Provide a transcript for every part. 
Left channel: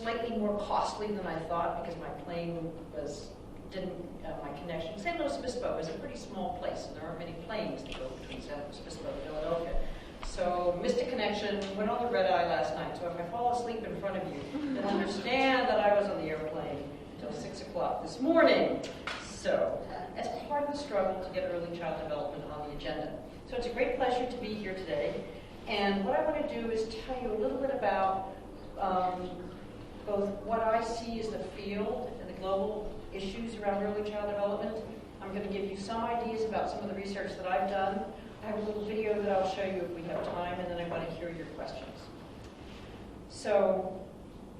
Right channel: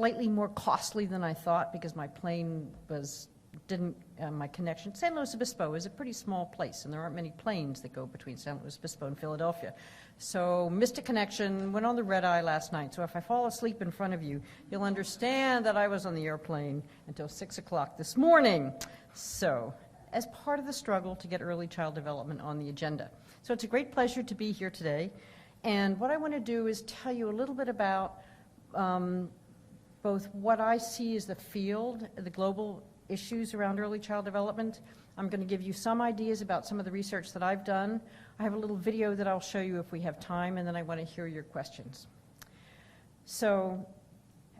slightly more costly than I thought because my plane my connection. San Luis Obispo is a pretty small place, and there aren't many planes that go between San Luis Obispo and Philadelphia. So missed a connection, went on the red eye last night. So if I fall asleep in front of you, you'll understand that I was on the airplane until 6 o'clock this morning. So as part of the struggle to get early child development on the agenda. So it's a great pleasure to be here today. And what I want to do is tell you a little bit about both what I see as the field and the global issues around early child development. I'm going to give you some ideas about some of the research that I've done. I have a little video that I'll show you if we have time, and then I want to hear your questions. So,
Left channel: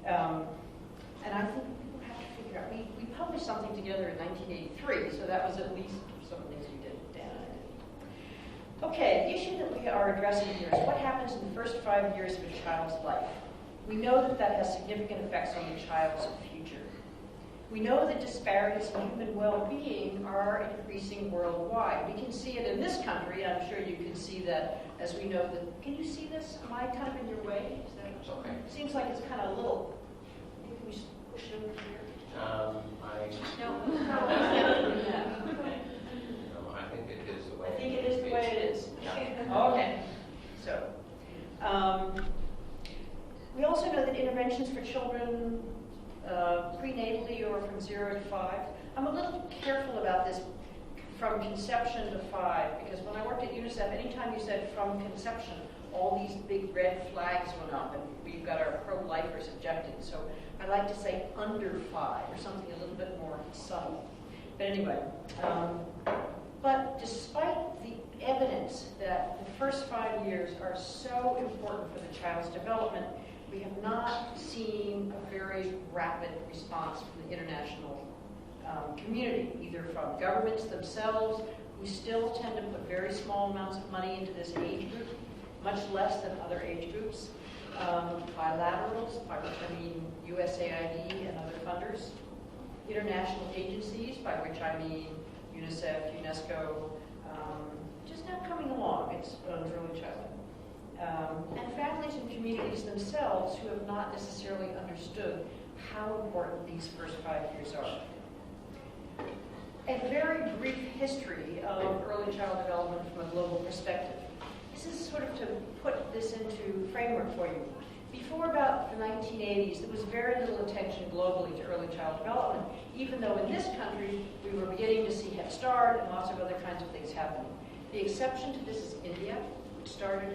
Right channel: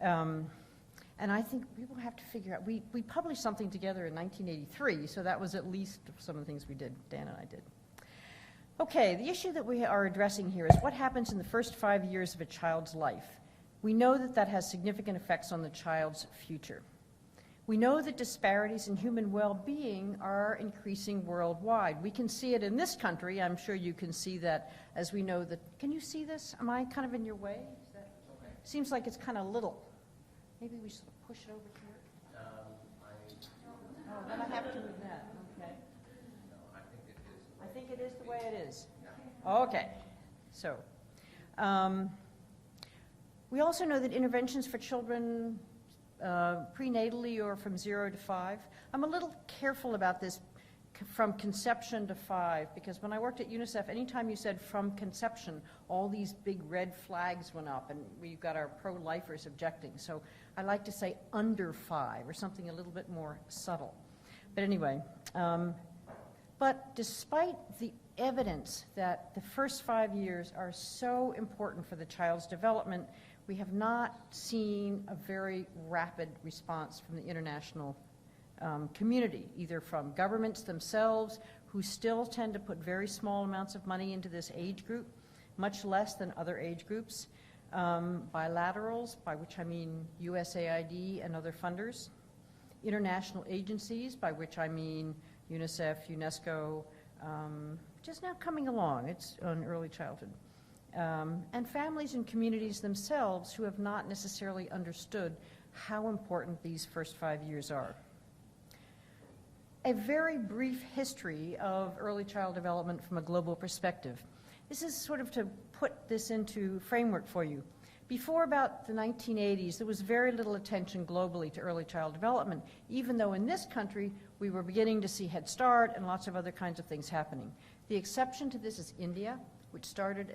and I think we'll have to figure out, we published something together in 1983, so that was at least some of the things we did, Dan and I did. Okay, the issue that we are addressing here is what happens in the first 5 years of a child's life. We know that that has significant effects on the child's future. We know that disparities in human well-being are increasing worldwide. We can see it in this country. I'm sure you can see that as we know that. Can you see this? Am I kind of in your way? Is that okay? Seems like it's kind of little. Maybe we should push it over here. No. No, I think it is the way. I think it is the way it is. Yeah. Okay. So, we also know that interventions for children prenatally or from 0 to 5. I'm a little careful about this from conception to 5 because when I worked at UNICEF, anytime you said from conception, all these big red flags went up and we've got our pro-lifers objecting. So I like to say under 5 or something a little bit more subtle. But anyway, but despite the evidence that the first 5 years are so important for the child's development, we have not seen a very rapid response from the international community, either from governments themselves, who still tend to put very small amounts of money into this age group, much less than other age groups, bilaterals, by which I mean USAID and other funders, international agencies, by which I mean UNICEF, UNESCO, just not coming along. It's on early childhood. And families and communities themselves who have not necessarily understood how important these first 5 years are. A very brief history of early child development from a global perspective. This is sort of to put this into framework for you. Before about the 1980s, there was very little attention globally to early child development, even though in this country we were beginning to see Head Start and lots of other kinds of things happening. The exception to this is India, which started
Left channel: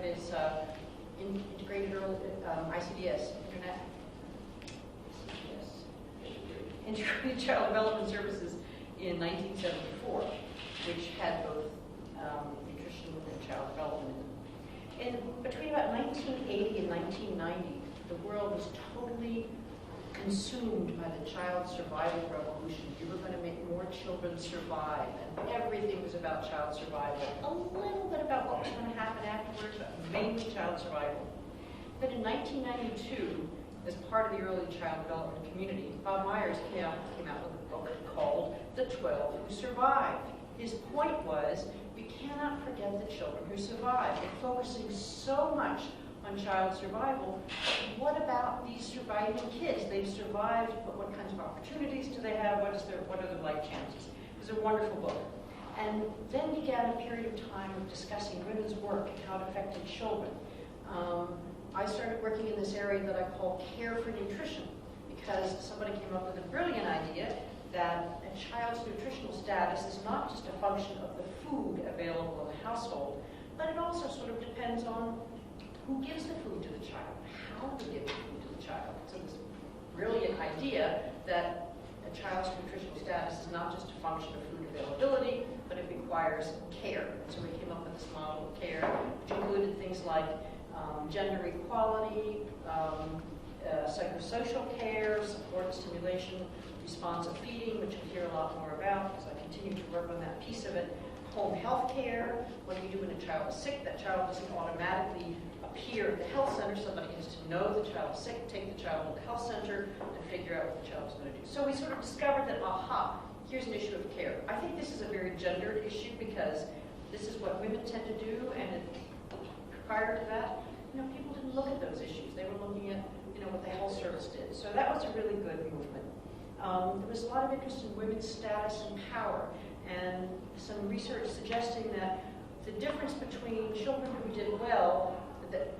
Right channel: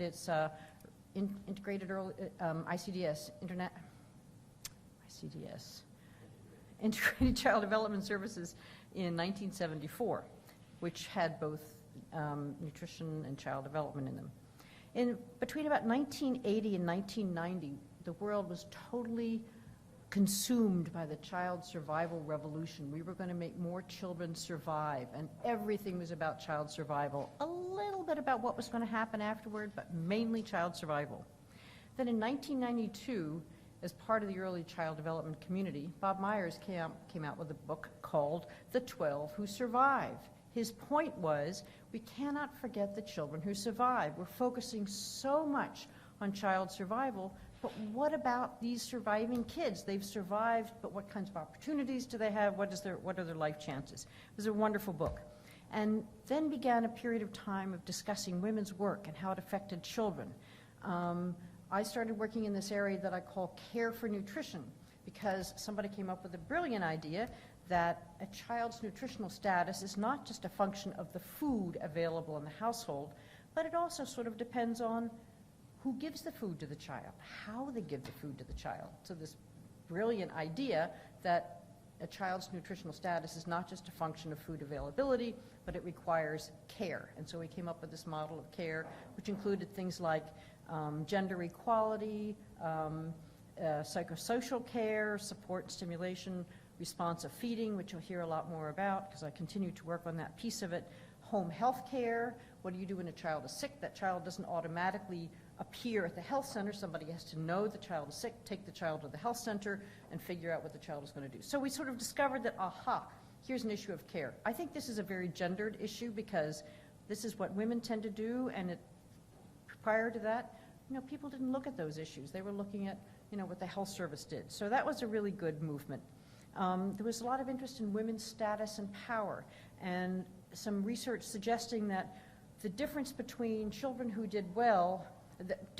its integrated early ICDS, Integrated Child Development Services in 1974, which had both nutrition and child development in them. Between about 1980 and 1990, the world was totally consumed by the child survival revolution. We were going to make more children survive, and everything was about child survival. A little bit about what was going to happen afterwards, but mainly child survival. Then in 1992, as part of the early child development community, Bob Myers came out with a book called The 12 Who Survived. His point was, we cannot forget the children who survived. We're focusing so much on child survival, but what about these surviving kids? They've survived, but what kinds of opportunities do they have? What are their life chances? It was a wonderful book. And then began a period of time of discussing women's work and how it affected children. I started working in this area that I call care for nutrition, because somebody came up with a brilliant idea that a child's nutritional status is not just a function of the food available in the household, but it also sort of depends on who gives the food to the child, how they give the food to the child. So this brilliant idea that a child's nutritional status is not just a function of food availability, but it requires care. And so we came up with this model of care, which included things like gender equality, psychosocial care, support, stimulation, responsive feeding, which you'll hear a lot more about because I continue to work on that piece of it. Home health care, what do you do when a child is sick? That child doesn't automatically appear at the health center. Somebody has to know the child is sick, take the child to the health center, and figure out what the child is going to do. So we sort of discovered that, aha, here's an issue of care. I think this is a very gendered issue because this is what women tend to do, and prior to that, people didn't look at those issues. They were looking at, what the health service did. So that was a really good movement. There was a lot of interest in women's status and power, and some research suggesting that the difference between children who did well, that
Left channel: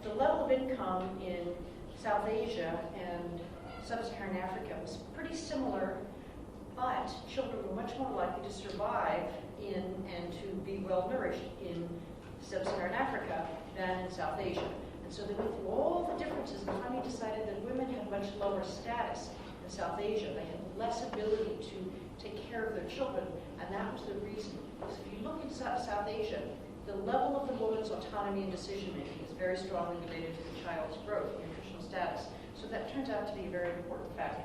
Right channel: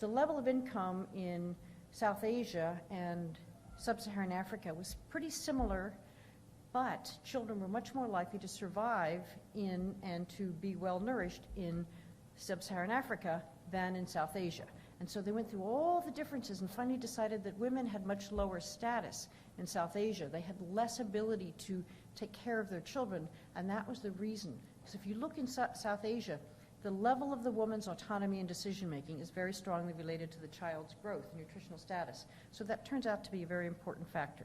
the level of income in South Asia and Sub-Saharan Africa was pretty similar, but children were much more likely to survive in and to be well nourished in Sub-Saharan Africa than in South Asia. And so they went through all the differences and finally decided that women had much lower status in South Asia. They had less ability to take care of their children, and that was the reason. So if you look in South Asia, the level of the woman's autonomy and decision-making is very strongly related to the child's growth and nutritional status. So that turns out to be a very important factor.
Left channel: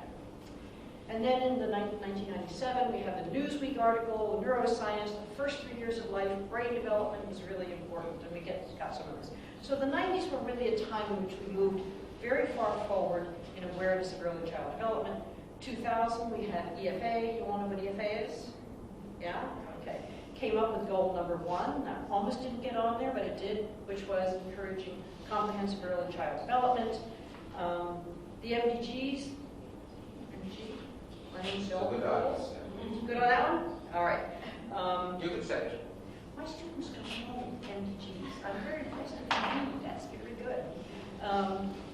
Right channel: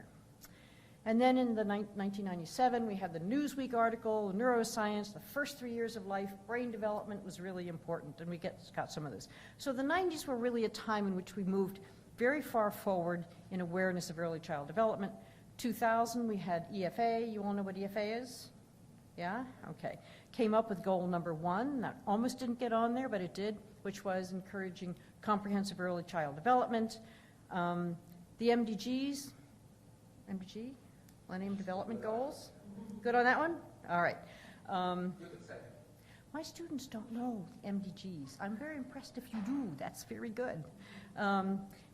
And then in the 1997, we have the Newsweek article, neuroscience, the first 3 years of life, brain development was really important, and we got some of this. So the 90s were really a time in which we moved very far forward in awareness of early child development. 2000, we had EFA. You all know what EFA is? Yeah? Okay. Came up with goal number 1. That almost didn't get on there, but it did, which was encouraging comprehensive early child development. The MDGs, Millennium Development Goals. Good on that one? All right. You can say it. My students don't know MDGs. I'm very impressed if you do. That's very good.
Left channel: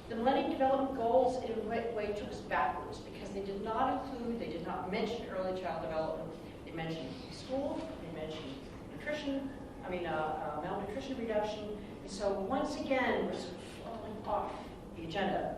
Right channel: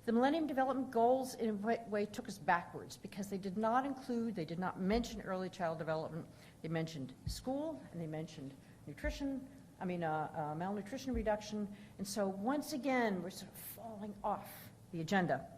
The Millennium Development Goals, in a way, took us backwards because they did not mention early child development. They mentioned school, they mentioned malnutrition reduction, and so once again, we're sort of falling off the agenda.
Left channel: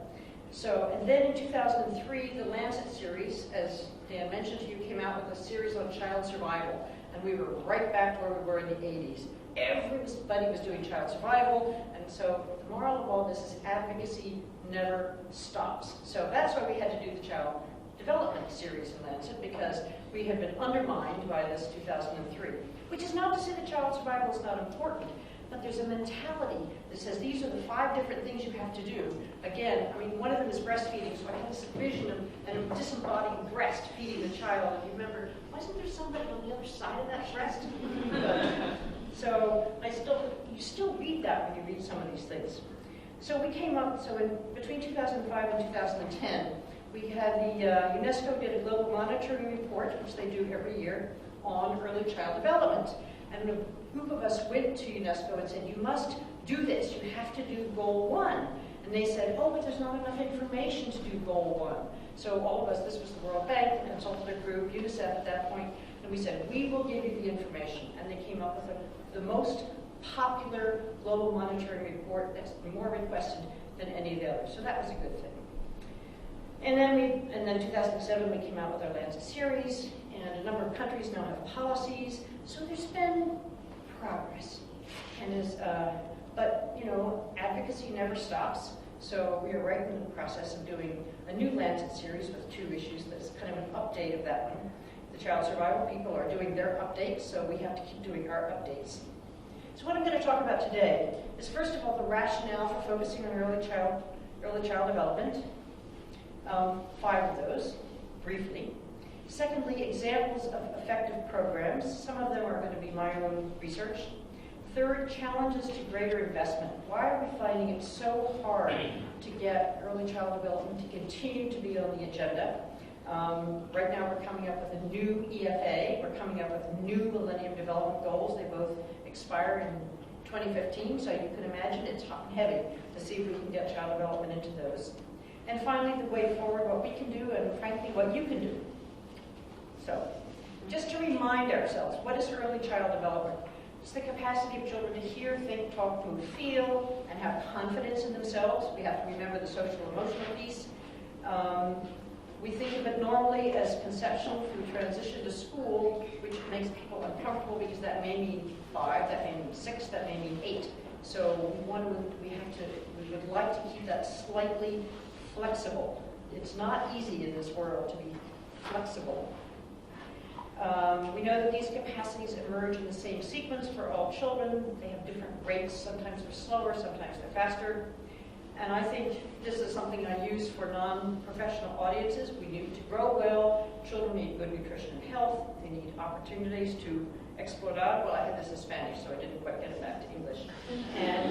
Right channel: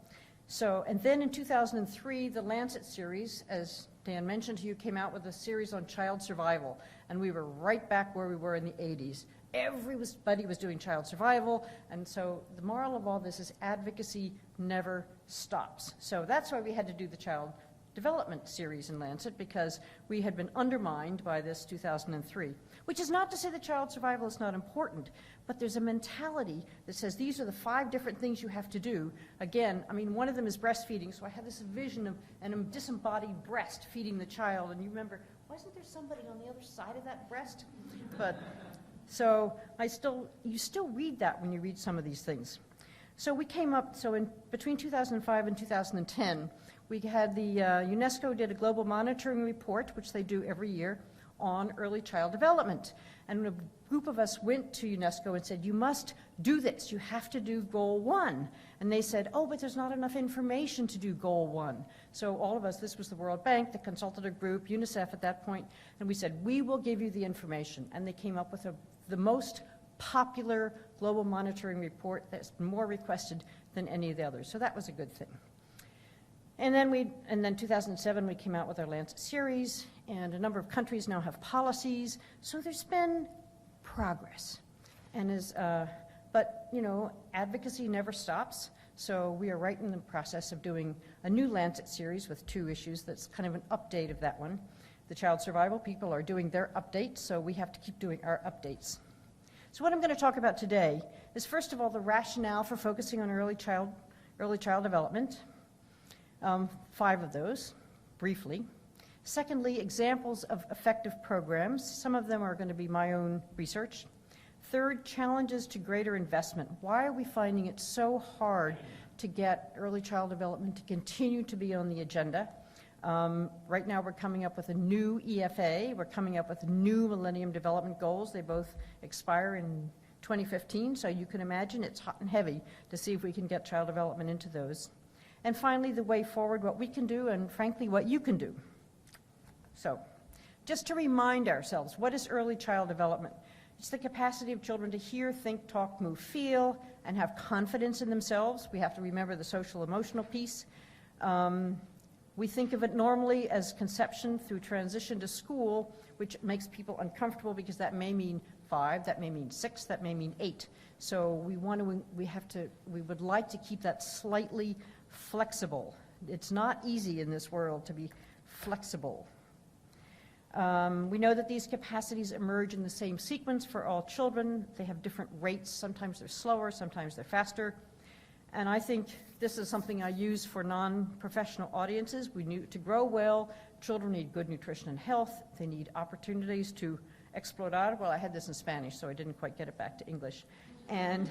So, and then in 2003, the Lancet series, as Dan mentioned to you, came out with a series on child survival, and we were right back where we were in the 80s. Everybody was doing child survival, and so the moral of all this is advocacy never stops. So that's why we had to do the child development series in Lancet, because we had been undermined by this 2003, which is not to say that child survival is not important, but there's a mentality that says these are the 5 different things you have to do. Again, one of them is breastfeeding, so I had this vision of a disembodied breast feeding the child, and you remember, wasn't there somebody on the other side of that breast? So you still read that when you read some of these things. So we came up, between 2005 and 2010, we had the UNESCO did a global monitoring report, which they do every year, on early child development. And a group of us went to UNESCO and said, you must do this, you have to do goal 1. And they said, oh, but there's not enough information to do goal 1. So all of us, this was the World Bank, the consultative group, UNICEF at that point, and we said, we will give you the information. And they came up with the most popular global monitoring report that's more requested than any of the others. So that was a good thing. And then 2007, we came out with our Lancet series, and a number of countries now have policies. So there's been progress, and but advocacy never stops. So we are right in the process of doing a new Lancet series with 2 issues. That's kind of an update of that one. The child survival people are doing their updates, so we have to keep doing our updates. So what I'm going to talk about today is, first of all, the rationale for focusing on early child development. 5 of those, briefly. Secondly, examples of effective programs. Some of them are going to be my own research. Third, challenges to greater investment. Why are we finding it so hard to get early child development to continue to be on the agenda? Right now we're coming up with a new EFA. We're coming up with new Millennium Development Goals. They both expire in 2015, so you can imagine it's hot and heavy to see if we can get child development into those. And finally, the way forward, what we can do, and frankly, what you can do. So, just to remind ourselves, what is early child development? It's the capacity of children to hear, think, talk, move, feel, and have confidence in themselves. We have to remember the social emotional piece. We think of it normally as conception through transition to school, which makes people uncomfortable because that may mean 5, that may mean 6, that may mean 8. So we would like to keep that slightly flexible. It's not easy in this world to be flexible. We know that these capacities emerge in the same sequence for all children. They have different rates. Sometimes they're slower, sometimes they're faster. And I think this is something I use for non-professional audiences. We need to grow well. Children need good nutrition and health. They need opportunities to explorar. Well, I had this in Spanish, so I didn't quite get it back to English. And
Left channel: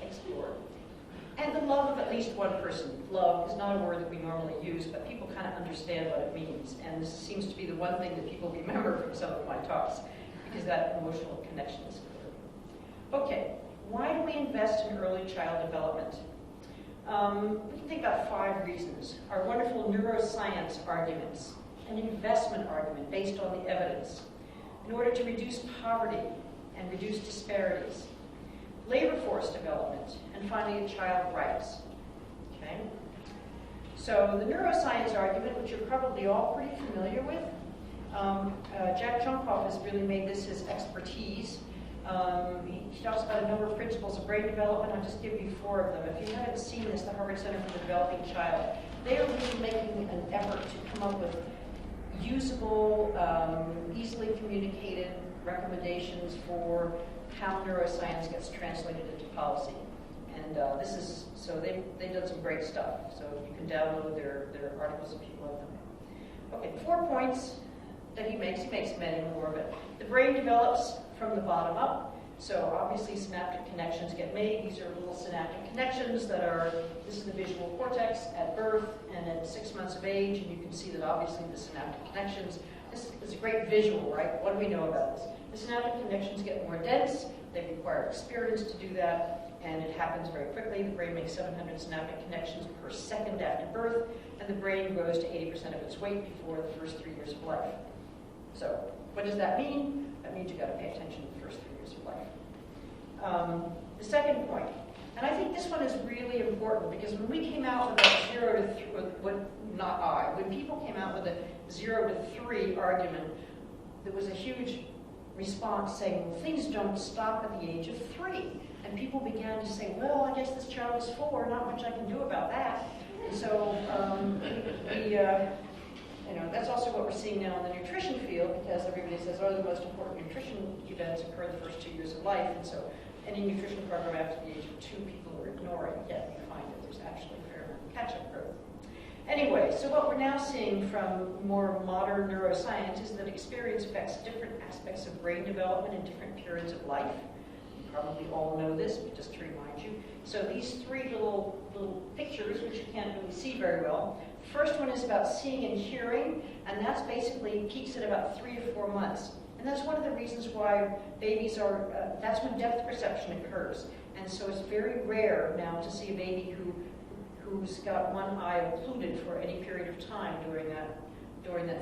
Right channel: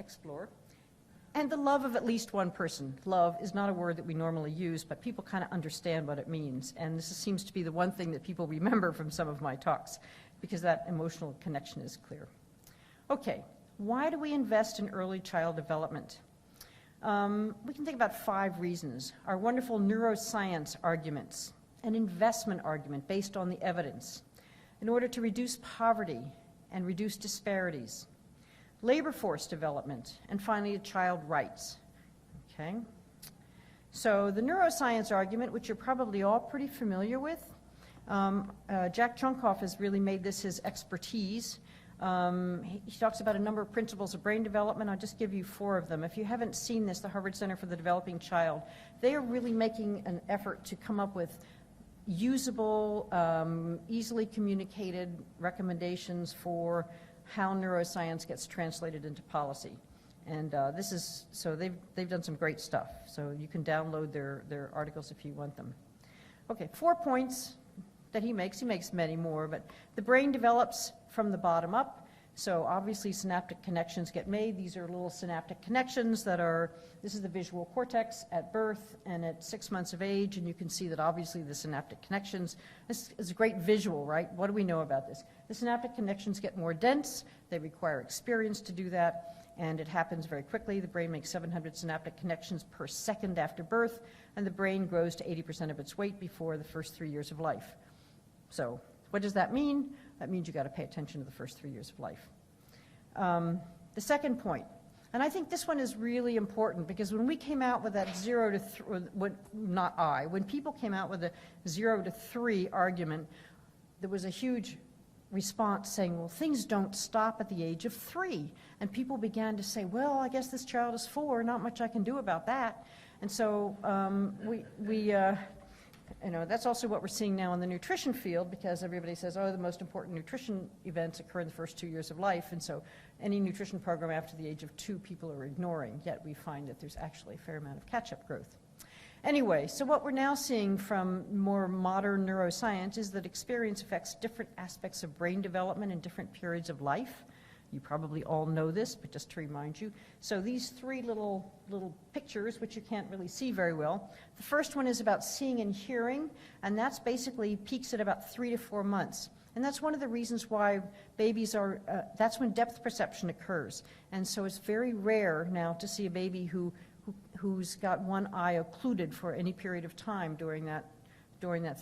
explore. And the love of at least one person. Love is not a word that we normally use, but people kind of understand what it means. And this seems to be the one thing that people remember from some of my talks, because that emotional connection is clear. Okay, why do we invest in early child development? We can think about 5 reasons. Our wonderful neuroscience arguments, an investment argument based on the evidence, in order to reduce poverty and reduce disparities, labor force development, and finally, child rights. Okay? So the neuroscience argument, which you're probably all pretty familiar with, Jack Trumkoff has really made this his expertise. He talks about a number of principles of brain development. I'll just give you 4 of them. If you haven't seen this, the Harvard Center for the Developing Child, they are really making an effort to come up with usable, easily communicated recommendations for how neuroscience gets translated into policy. And they've done some great stuff. So you can download their articles if you want them. Okay, 4 points that he makes many more, but the brain develops from the bottom up. So obviously synaptic connections get made. These are little synaptic connections this is the visual cortex at birth and at 6 months of age, and you can see that obviously the synaptic connections, this is a great visual, right? What do we know about this? The synaptic connections get more dense, they require experience to do that, and it happens very quickly. The brain makes 700 synaptic connections per second after birth, and the brain grows to 80% of its weight before the first 3 years of life. So what does that mean? That means you've got to pay attention to the first 3 years of life. The second point, and I think this one is really important, because when we came out with that when people came out with a 0 to 3 argument, there was a huge response saying, well, things don't stop at the age of 3. And people began to say, well, I guess this child is 4, not much I can do about that. And so that's also what we're seeing now in the nutrition field, because everybody says, oh, the most important nutrition events occur the first 2 years of life, and so any nutrition program after the age of 2 people are ignoring, yet we find that there's actually a fair amount of catch-up growth. Anyway, so what we're now seeing from more modern neuroscience is that experience affects different aspects of brain development in different periods of life. You probably all know this, but just to remind you. So these 3 little pictures, which you can't really see very well. The first one is about seeing and hearing, and that's basically peaks at about 3 to 4 months. And that's one of the reasons why babies that's when depth perception occurs. And so it's very rare now to see a baby who's got one eye occluded for any period of time during that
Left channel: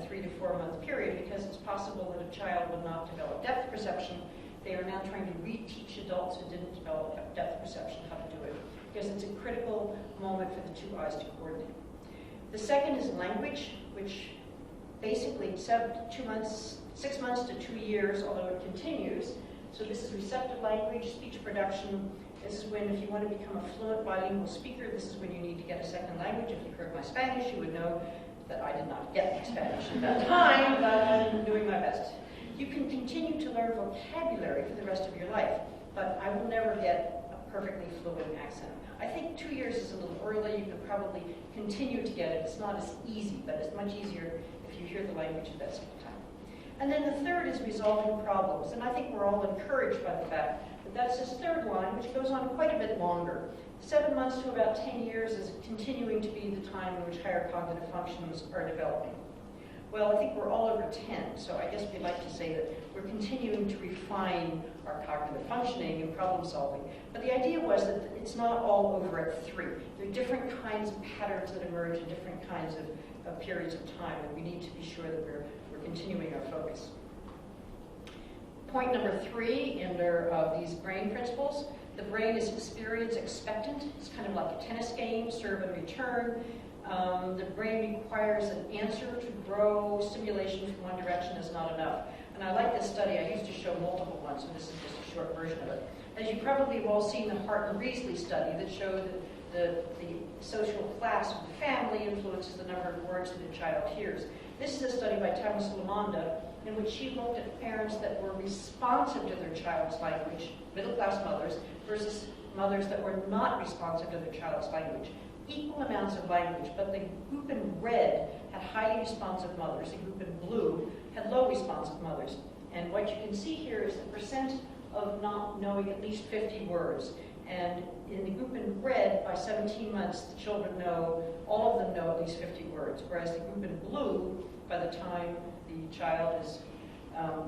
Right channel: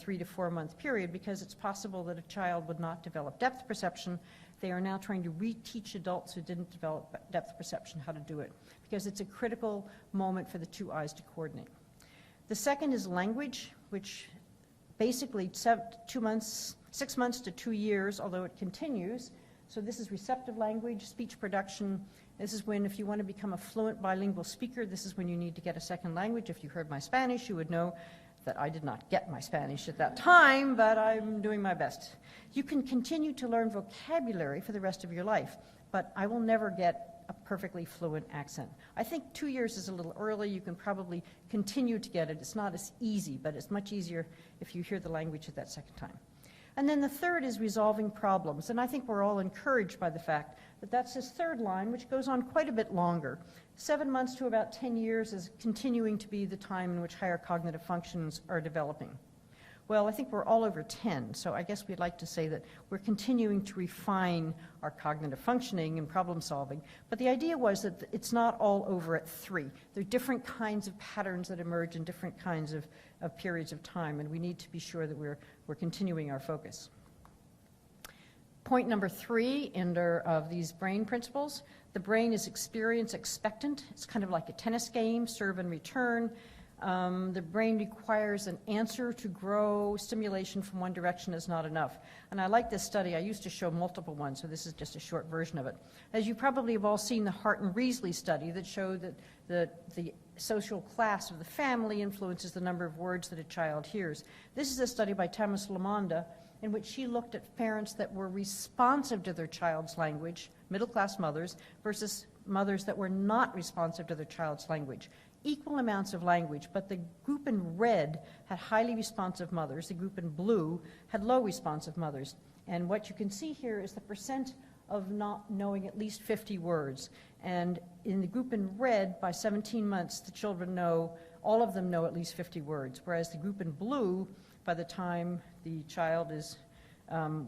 3 to 4 month period, because it's possible that a child would not develop depth perception. They are now trying to reteach adults who didn't develop depth perception how to do it, because it's a critical moment for the 2 eyes to coordinate. The second is language, which basically 6 months to 2 years, although it continues. So this is receptive language, speech production. This is when, if you want to become a fluent bilingual speaker, this is when you need to get a second language. If you heard my Spanish, you would know that I did not get my Spanish at that time, but I'm doing my best. You can continue to learn vocabulary for the rest of your life, but I will never get a perfectly fluent accent. I think 2 years is a little early. You can probably continue to get it. It's not as easy, but it's much easier if you hear the language at that second time. And then the third is resolving problems, and I think we're all encouraged by the fact that that's his third line, which goes on quite a bit longer. 7 months to about 10 years is continuing to be the time in which higher cognitive functions are developing. Well, I think we're all over 10, so I guess we'd like to say that we're continuing to refine our cognitive functioning and problem solving. But the idea was that it's not all over at 3. There are different kinds of patterns that emerge in different kinds of periods of time, and we need to be sure that we're continuing our focus. Point number 3 under these brain principles, the brain is experience expectant. It's kind of like a tennis game, serve and return. The brain requires an answer to grow. Stimulation from one direction is not enough. And I like this study. I used to show multiple ones, so this is just a short version of it. As you probably have all seen the Hart and Riesly study that showed that the social class of the family influences the number of words that a child hears. This is a study by Thomas Lamanda in which she looked at parents that were responsive to their child's language, middle-class mothers, versus mothers that were not responsive to their child's language. Equal amounts of language, but the group in red had highly responsive mothers, the group in blue had low responsive mothers. And what you can see here is the percent of not knowing at least 50 words. And in the group in red, by 17 months, the children know, all of them know at least 50 words, whereas the group in blue, by the time the child was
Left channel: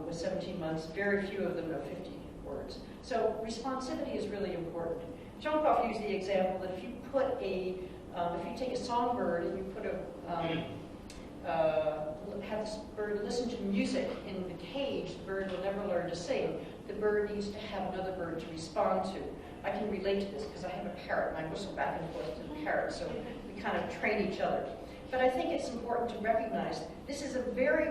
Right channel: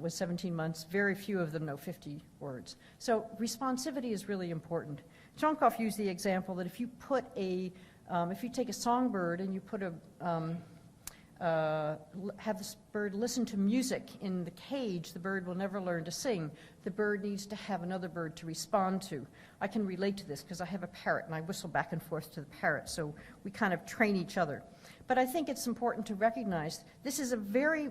17 months, very few of them know 50 words. So responsivity is really important. Jonkov used the example that if you put if you take a songbird and you put have this bird listen to music in the cage, the bird will never learn to sing. The bird needs to have another bird to respond to. I can relate to this because I have a parrot and I whistle back and forth to the parrot, so we kind of train each other. But I think it's important to recognize this is a very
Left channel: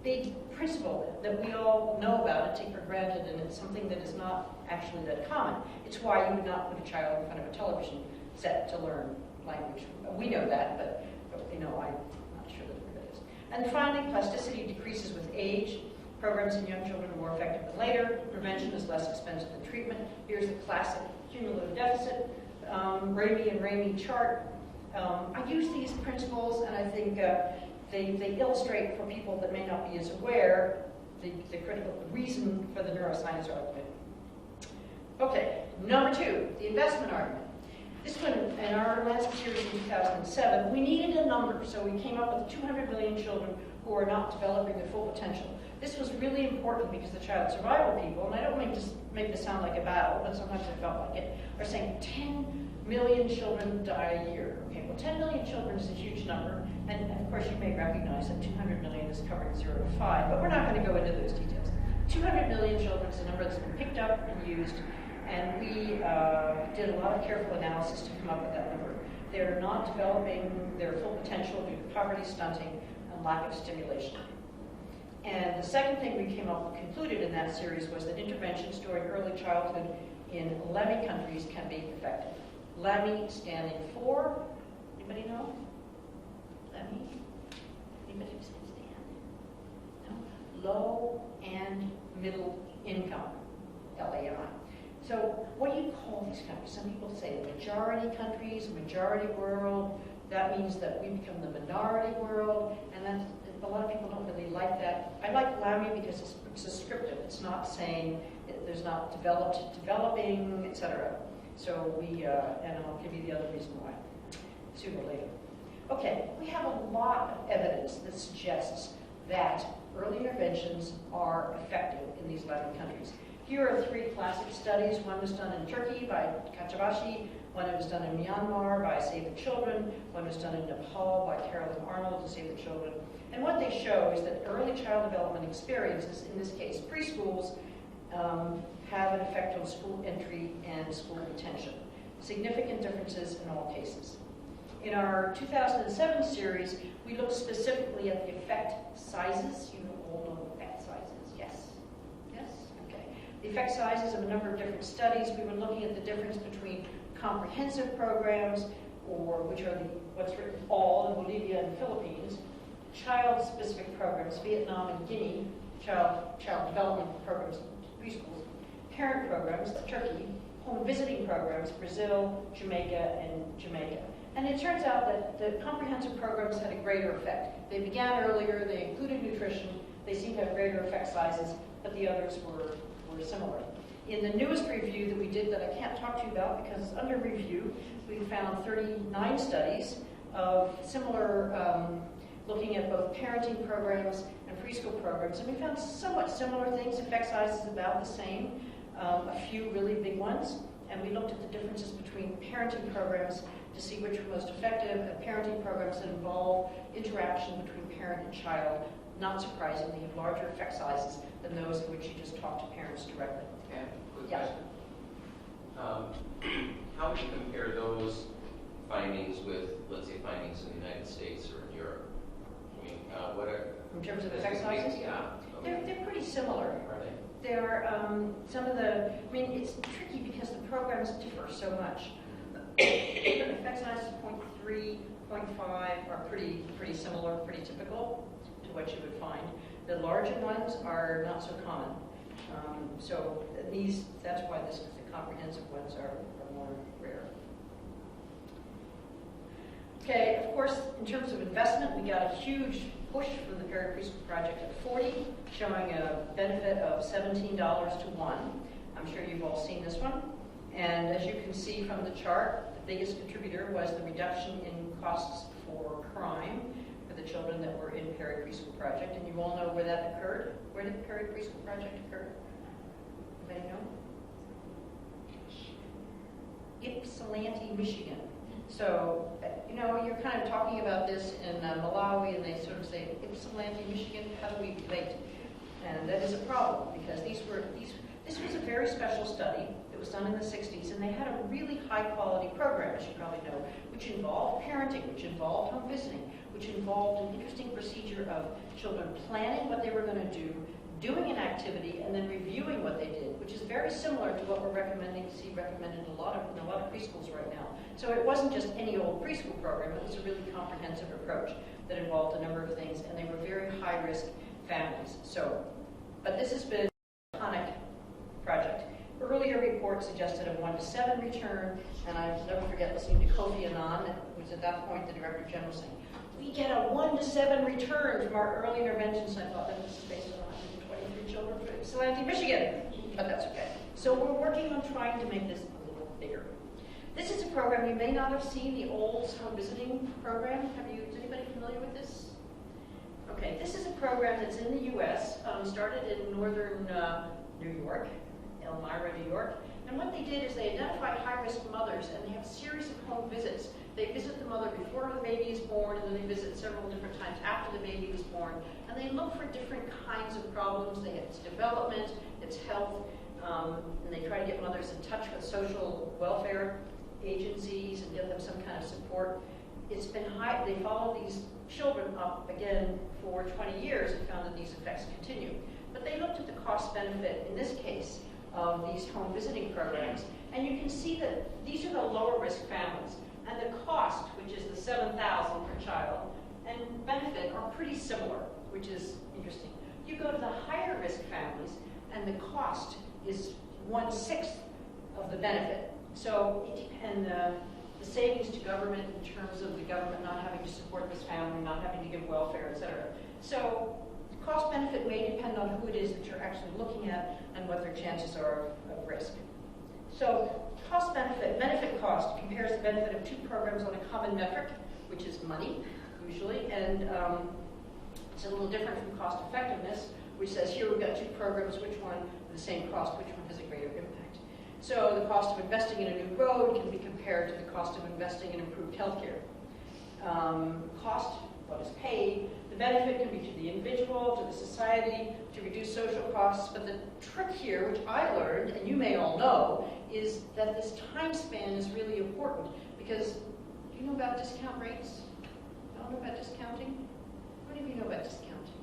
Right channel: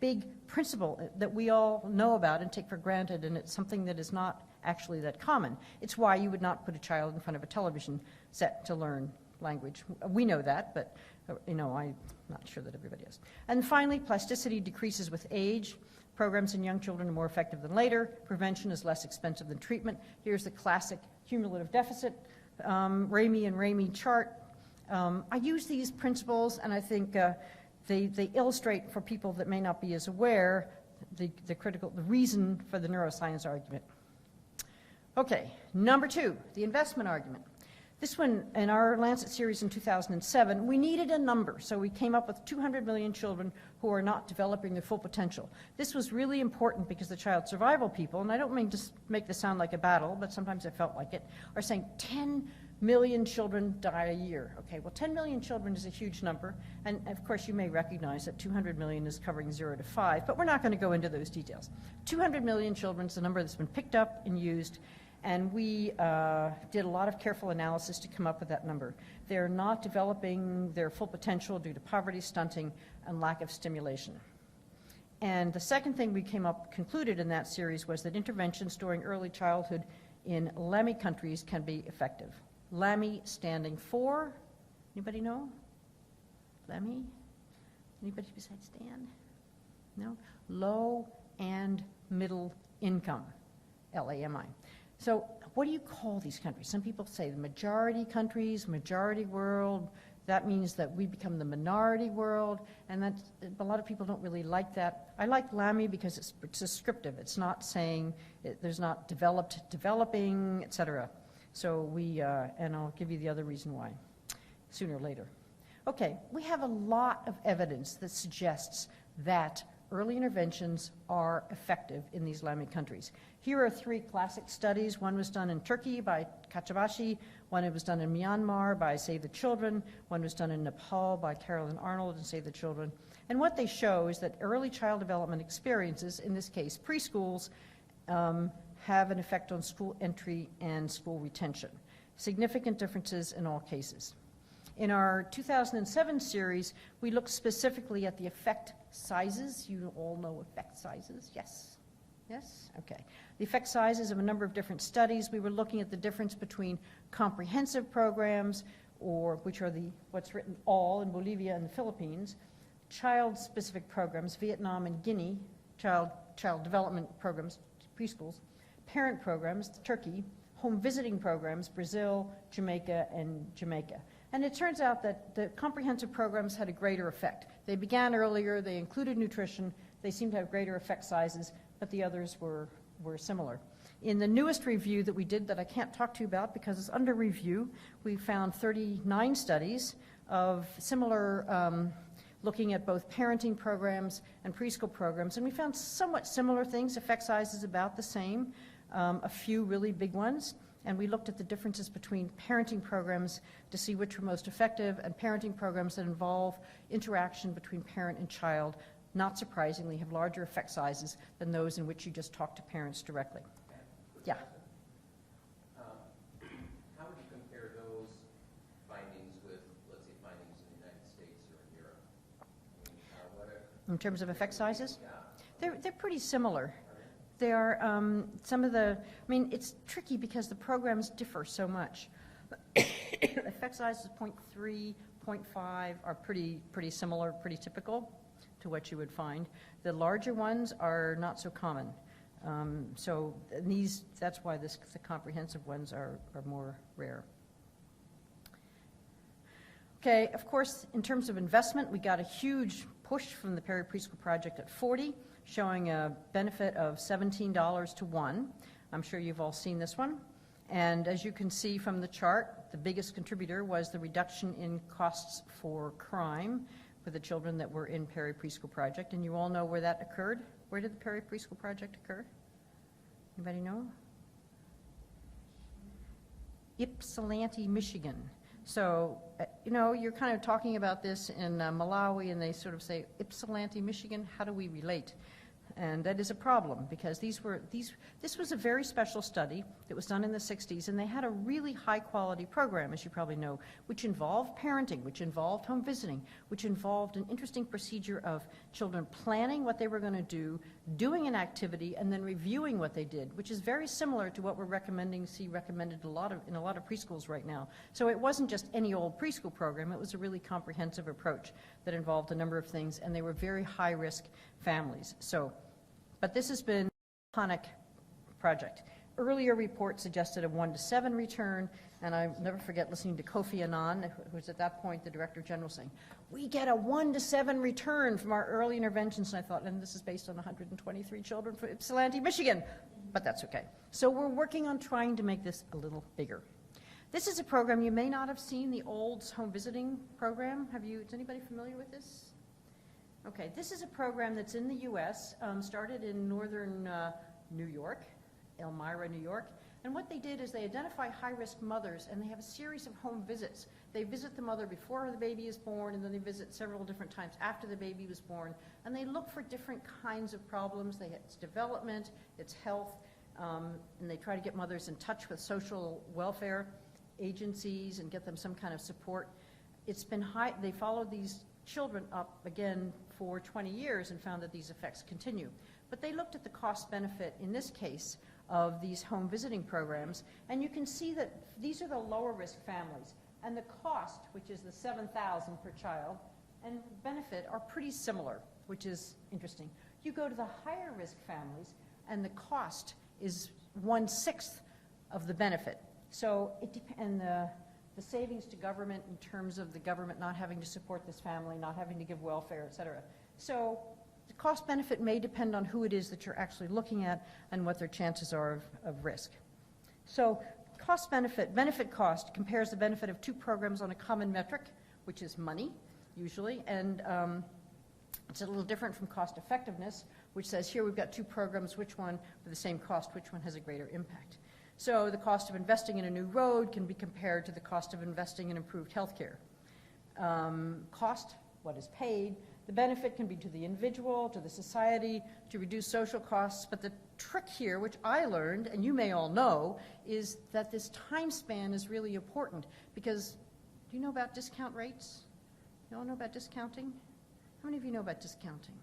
big principle that we all know about and take for granted, and it's something that is not actually that common. It's why you would not put a child in front of a television set to learn language. We know that, but I'm not sure that everybody is. And finally, plasticity decreases with age. Programs in young children are more effective than later. Prevention is less expensive than treatment. Here's the classic cumulative deficit, Ramey and Ramey chart. I use these principles, and I think they illustrate for people that may not be as aware the reason for the neuroscience argument. Okay, number 2, the investment argument. This one, in our Lancet series in 2007, we needed a number, so we came up with 200 million children who are not developing their full potential. This was really important because the child survival people, and I don't mean to make this sound like a battle, but sometimes it felt like it, are saying 10 million children die a year. Okay, well, 10 million children is a huge number, and of course you may recognize that 200 million is covering 0 to 5, but we're not going to go into those details. 200 million children is a number that's been picked up and used, and we did a lot of careful analysis to come up with that number. They're not developing their full potential due to poverty, stunting, and lack of stimulation. And the second thing we concluded in that series was that interventions during early childhood in LAMI countries can be effective. LAMI standing for, anybody know? LAMI? Anybody who said stand? No? Low and middle income, LAMI. So what do you call these countries? Some people say majority countries, majority world. That means that we become the minority world, and that's, a lot of people don't really like that. I like LAMI because it's descriptive. It's not saying there's not developing, etc. So and I'll give you the other reason why sooner or later. Okay, we have a lot of evidence that suggests that early interventions are effective in these LAMI countries. Here are 3 classic studies. One was done in Turkey by Kachavashi, one was done in Myanmar by Save the Children, one was done in Nepal by Carolyn Arnold to Save the Children. And what they show is that early child development experiences, in this case preschools, have an effect on school entry and school retention. Significant differences in all cases. In our 2007 series, we looked specifically at the effect sizes. You all know effect sizes, yes? Yes? Okay. The effect sizes of a number of different studies. We were looking at the difference between comprehensive programs, or which are what's written all in Bolivia and Philippines, child-specific programs, Vietnam and Guinea, child development programs, preschools, parent programs, Turkey, home visiting programs, Brazil, Jamaica, and Jamaica. And it turns out that the comprehensive programs had a greater effect. They began earlier, they included nutrition, they seemed to have greater effect sizes, but the others were similar. In the newest review that we did that I can't talk to you about because it's under review, we found 39 studies of similar, looking at both parenting programs and preschool programs, and we found somewhat similar things, effect sizes about the same, a few really big ones, and we looked at the differences between parenting programs to see which were most effective, and parenting programs that involve interaction between parent and child, not surprisingly, have larger effect sizes than those in which you just talk to parents directly. Yeah. How would you compare those findings with, let's say, findings in the United States or in Europe? I mean, what are... In terms of effect sizes? Yeah. They're pretty similar. Are they? They are, some of the, I mean, it's tricky because the programs differ so much. Effect sizes 0.3, 0.5 are pretty similar, pretty typical to what you would find. The larger ones are not so common. So that's why the comprehensive ones are more rare. Okay, of course, in terms of investment, we got a huge push from the Preschool Project at 40, showing a benefit of $17 to 1. I'm sure you've all seen this one. And as you can see from the chart, the biggest contributor was the reduction in costs for crime for the children that were in Perry Preschool Project. And you all know where that occurred. Where did the Perry Preschool Project occur? Anybody know? Ypsilanti, Michigan. So, you know, you're kind of talking about this in Malawi, and they sort of say, Ypsilanti, Michigan, how do we relate? And that is a problem, because this was a very special study that was done in the 60s, and they had a really high-quality program, as you probably know, which involved parenting, which involved home visiting, which involved an interesting procedure of children planning what they were going to do, doing an activity, and then reviewing what they did, which is very similar to what we're recommended in a lot of preschools right now. So it wasn't just any old preschool program, it was a really comprehensive approach that involved a number of things, and they were very high-risk families. So, but this has been a iconic project. Earlier reports suggested a 1 to 7 return, and I'll never forget listening to Kofi Annan, who was at that point the Director General, saying, we get a 1 to 7 return from our early interventions. And I thought, and this is based on 123 children for Ypsilanti, Michigan, but that's okay. So we're working on trying to make this a little bigger. This is a program you may not have seen, the old home visiting program. Is anybody familiar with this? Okay, this is a program that's in the U.S., started in northern New York, Elmira, New York. And what they did is they identified high-risk mothers, and they have a series of home visits. They visit the mother before the baby is born, and then they visit several different times after the baby is born. And they look for different kinds of problems. They have its development, its health, and they try to get mothers in touch with social welfare agencies and get them some kind of support. It's been high. They followed these children up again for 20 years and found that these effects continue. But they looked at the cost benefit in this case of these home visiting programs, and you can see that these are the lower risk families, and the cost, which is the $7,000 per child, and benefit are pretty similar, which is interesting. You go to the higher risk families, and the cost is 1/6 of the benefit. So, and the savings to government in terms of the government not having to support this family, not having to give welfare, et cetera. So, the cost benefit may depend on who it is that you're actually looking at and what their chances are of risk. So, cost benefit cost compares the benefit of two programs on a common metric, which is money, usually, and it's a little different from cost effectiveness, which says here we've got two programs, which one for the same cost, which one has a greater impact. So the cost of investing in a new road can be compared to the cost of investing in improved healthcare. Cost, what is paid, the benefit can be to the individual, to the society, to reduce social costs, but the trick here, which I learned, and you may all know, is that this time span is really important, because do you know about discount rates? You don't know about discounting? How many of you know about discounting?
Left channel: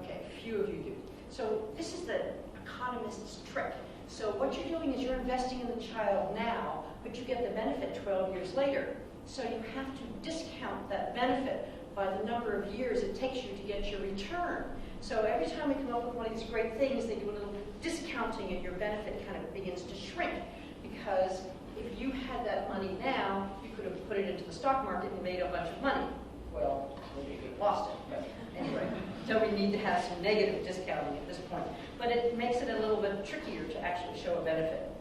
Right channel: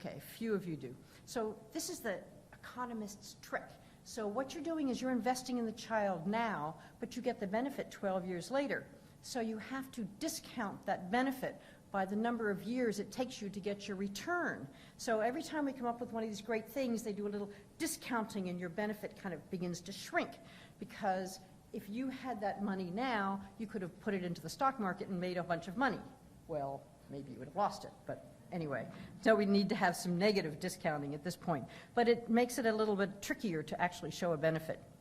Okay, few of you do. So this is the economist's trick. So what you're doing is you're investing in the child now, but you get the benefit 12 years later. So you have to discount that benefit by the number of years it takes you to get your return. So every time we come up with one of these great things, they do a little discounting and your benefit kind of begins to shrink. Because if you had that money now, you could have put it into the stock market and made a bunch of money. Well, maybe you could have lost it, but anyway. So we need to have some negative discounting at this point. But it makes it a little bit trickier to actually show a benefit.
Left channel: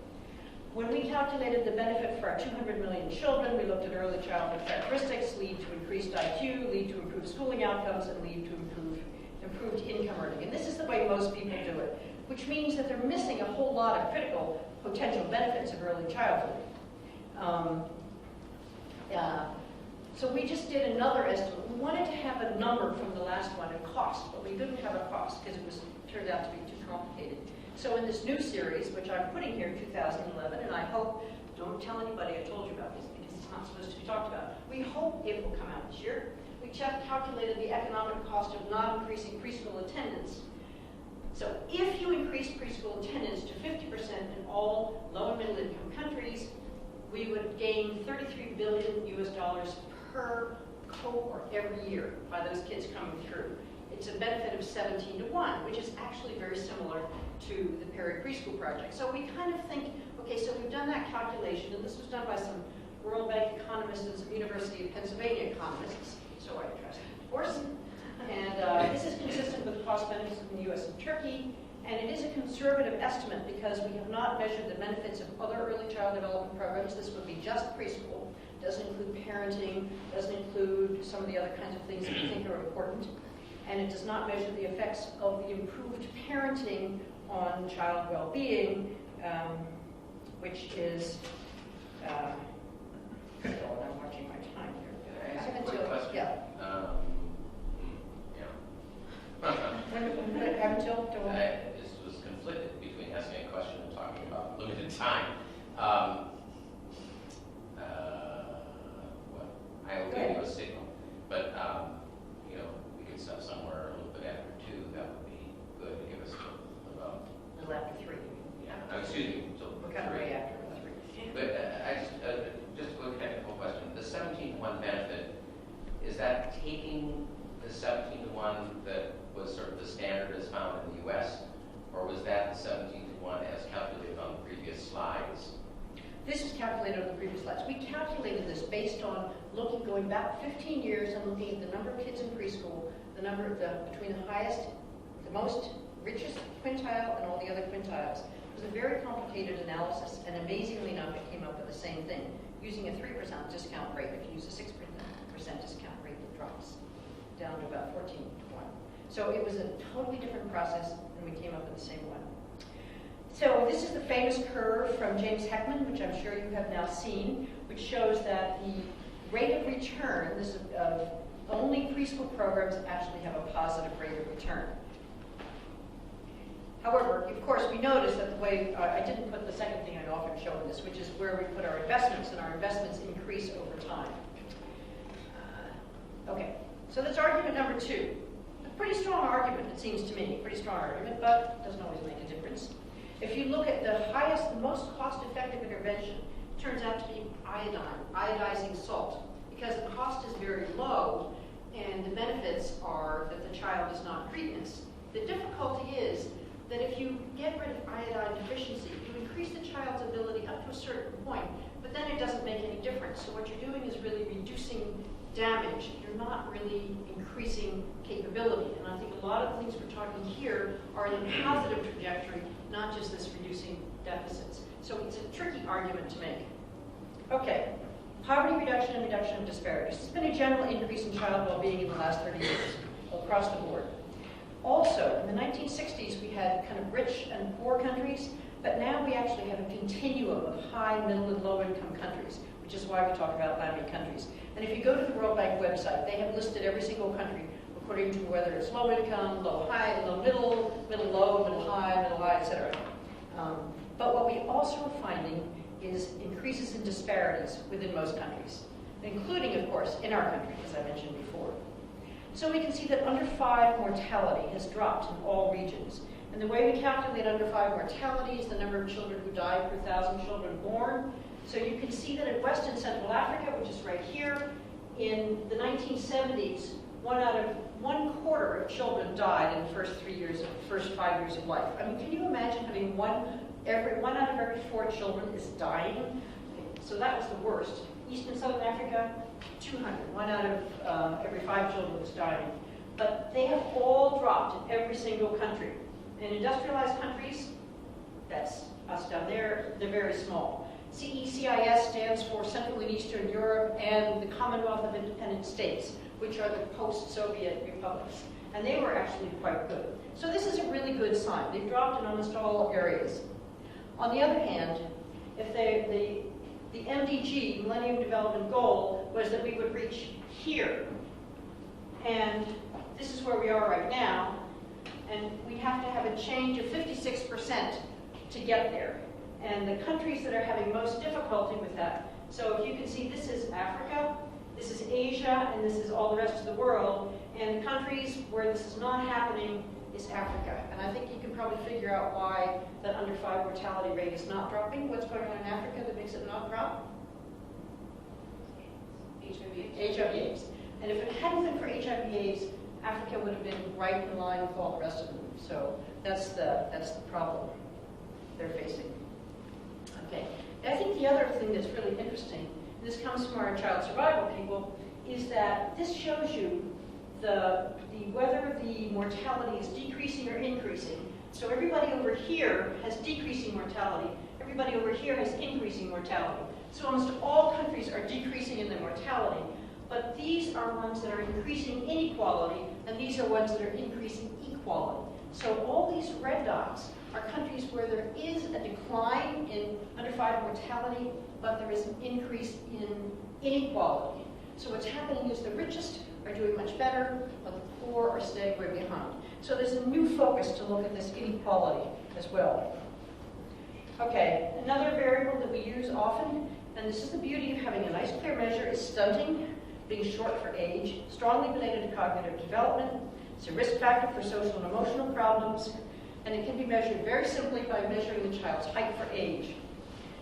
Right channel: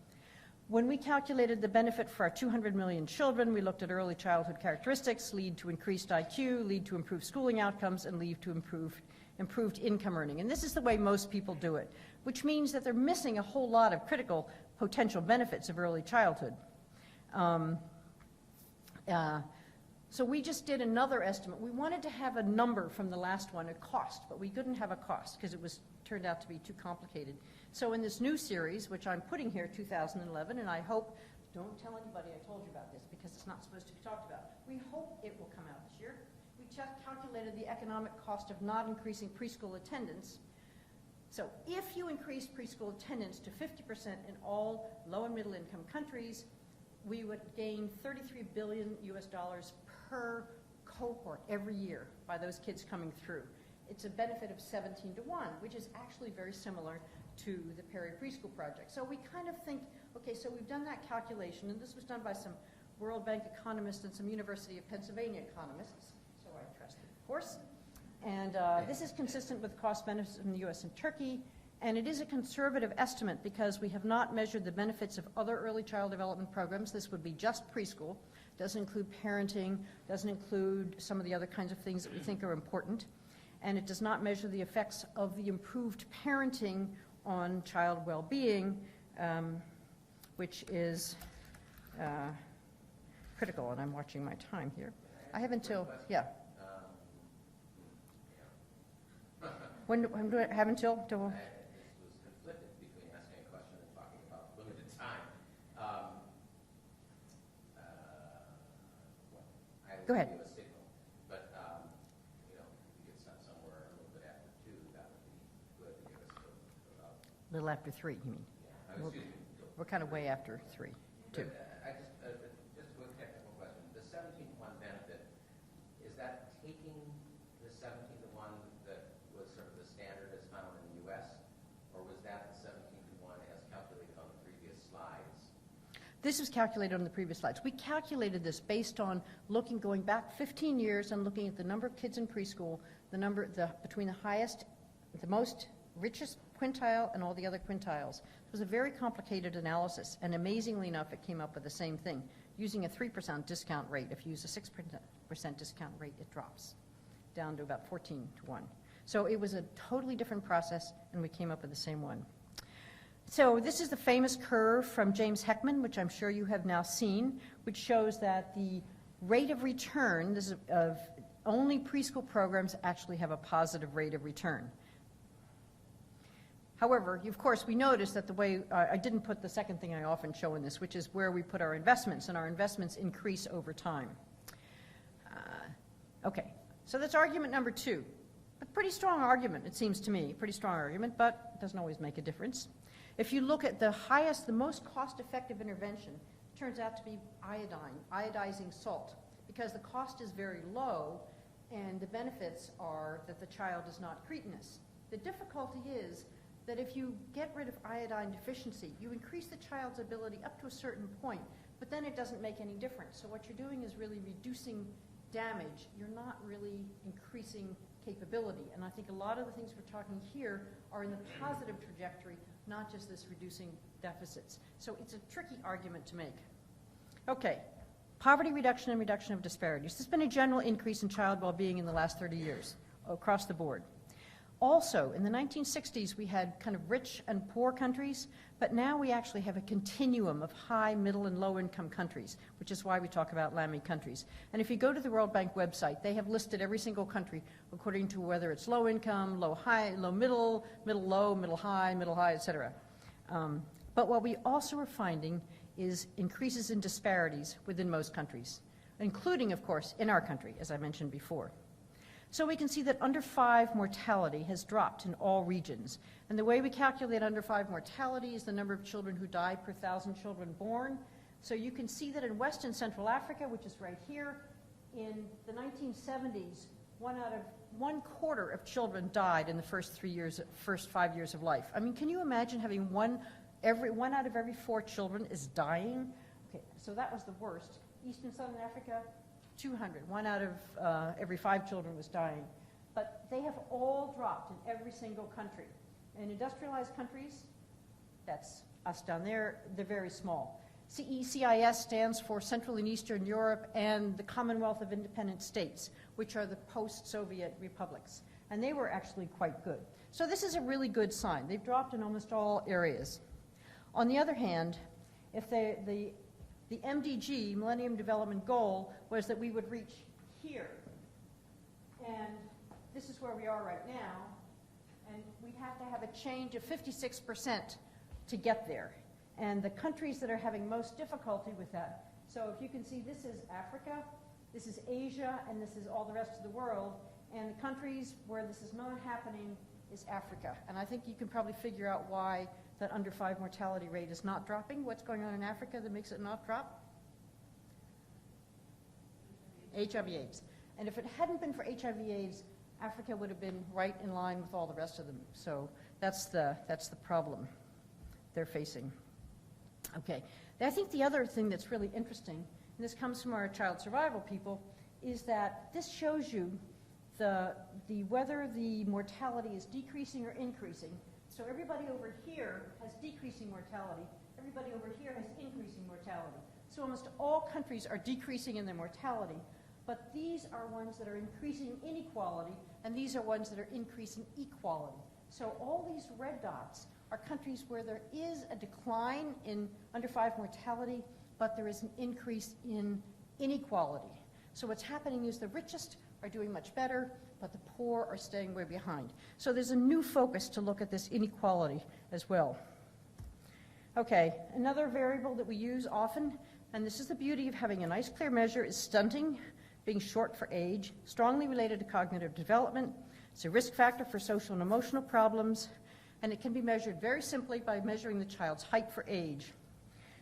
When we calculated the benefit for our 200 million children, we looked at early childhood characteristics, lead to increased IQ, lead to improved schooling outcomes, and lead to improved income earning. And this is the way most people do it, which means that they're missing a whole lot of critical potential benefits of early childhood. So we just did another estimate. We wanted to have a number from the last one, a cost, but we couldn't have a cost because it turned out to be too complicated. So in this new series, which I'm putting here, 2011, and I hope, don't tell anybody I told you about this because it's not supposed to be talked about. We hope it will come out this year. We calculated the economic cost of not increasing preschool attendance. So if you increase preschool attendance to 50% in all low and middle income countries, we would gain $33 billion per cohort every year by those kids coming through. It's a benefit of 17 to 1, which is actually very similar to the Perry Preschool Project. So we kind of think, okay, so we've done that calculation, and this was done by some World Bank economists and some University of Pennsylvania economists, so I trust Orson. And this is consistent with cost benefits in the US and Turkey, And it is a conservative estimate because we have not measured the benefits of other early child development programs. This would be just preschool. Doesn't include parenting, doesn't include some of the other kinds of things that we think are important. And it does not measure the effects of the improved parenting on child well-being, which is critical. And I'm watching my time here. I have until, yeah. When do I have until? This was conflicted between asking a question and talking about limited time. I will give you a signal, but we could stop somewhere a little bit after 2. That would be good to give us about. A little after 3. Yeah. Excuse me. We're kind of way after 3. But just a quick technical question: the 17-to-1 benefit, is that taking the 17-to-1 that was sort of the standard as found in the U.S., or was that the 17-to-1 as calculated on the previous slides? This is calculated on the previous slides. We calculated this based on going back 15 years and looking at the number of kids in preschool, between the highest, the most richest quintile and all the other quintiles. It was a very complicated analysis, and amazingly enough, it came up with the same thing. Using a 3% discount rate, if you use a 6% discount rate, it drops down to about 14-to-1. So it was a totally different process, and we came up with the same one. So this is the famous curve from James Heckman, which I'm sure you have now seen, which shows that the rate of return of only preschool programs actually have a positive rate of return. However, of course, we notice that the way, I didn't put the second thing I often show in this, which is where we put our investments, and our investments increase over time. Okay, so that's argument number 2. A pretty strong argument, it seems to me, pretty strong argument, but it doesn't always make a difference. If you look at the most cost-effective intervention, it turns out to be iodizing salt, because the cost is very low, and the benefits are that the child is not cretinous. The difficulty is that if you get rid of iodine deficiency, you increase the child's ability up to a certain point, but then it doesn't make any difference. So what you're doing is really reducing damage. You're not really increasing capability. And I think a lot of the things we're talking here are in a positive trajectory, not just this reducing deficits. So it's a tricky argument to make. Okay, poverty reduction and reduction of disparities. There's been a general increase in child well-being in the last 30 years across the board. Also, in the 1960s, we had kind of rich and poor countries, but now we actually have a continuum of high, middle, and low-income countries, which is why we talk about landed countries. And if you go to the World Bank website, they have listed every single country according to whether it's low income, low high, low middle, middle low, middle high, etc. But what we also are finding is increases in disparities within most countries, including, of course, in our country, as I mentioned before. So we can see that under 5 mortality has dropped in all regions. And the way we calculate under 5 mortality is the number of children who die per 1,000 children born. So you can see that in West and Central Africa, which is right here, in the 1970s, 1/4 of children died in the first 5 years of life. I mean, can you imagine having one out of every 4 children is dying? So that was the worst. East and Southern Africa, 200. 1 out of every 5 children was dying. But they have all dropped in every single country. In industrialized countries, that's us down there, they're very small. CECIS stands for Central and Eastern Europe and the Commonwealth of Independent States, which are the post-Soviet republics. And they were actually quite good. So this is a really good sign. They've dropped in almost all areas. On the other hand, if the MDG, Millennium Development Goal, was that we would reach here. And this is where we are right now. And we have to have a change of 56% to get there. And the countries that are having most difficulty with that, so if you can see, this is Africa, this is Asia, and this is all the rest of the world. And the countries where this is not happening is Africa. And I think you can probably figure out why the under 5 mortality rate is not dropping. What's going on in Africa that makes it not drop? HIV/AIDS. And if it hadn't been for HIV/AIDS, Africa would have been right in line with all the rest of them. So that's the problem they're facing. Okay. I think the other thing that's really interesting, this comes from our child survival people, is that this shows you whether the mortality is decreasing or increasing So everybody over here has decreasing mortality. Everybody over here has increasing mortality. So almost all countries are decreasing in their mortality. But these are ones that are increasing inequality, and these are ones that are increasing equality. So all these red dots are countries where there is a decline in under 5 mortality, but there is an increase in inequality. So what's happening is the richest are doing much better, but the poor are staying way behind. So there's a new focus to look at this inequality as well. Okay, another variable that we use often, and this is the beauty of having a nice clear measure, is stunting, being short for age, strongly related to cognitive development. It's a risk factor for social and emotional problems, and it can be measured very simply by measuring the child's height for age.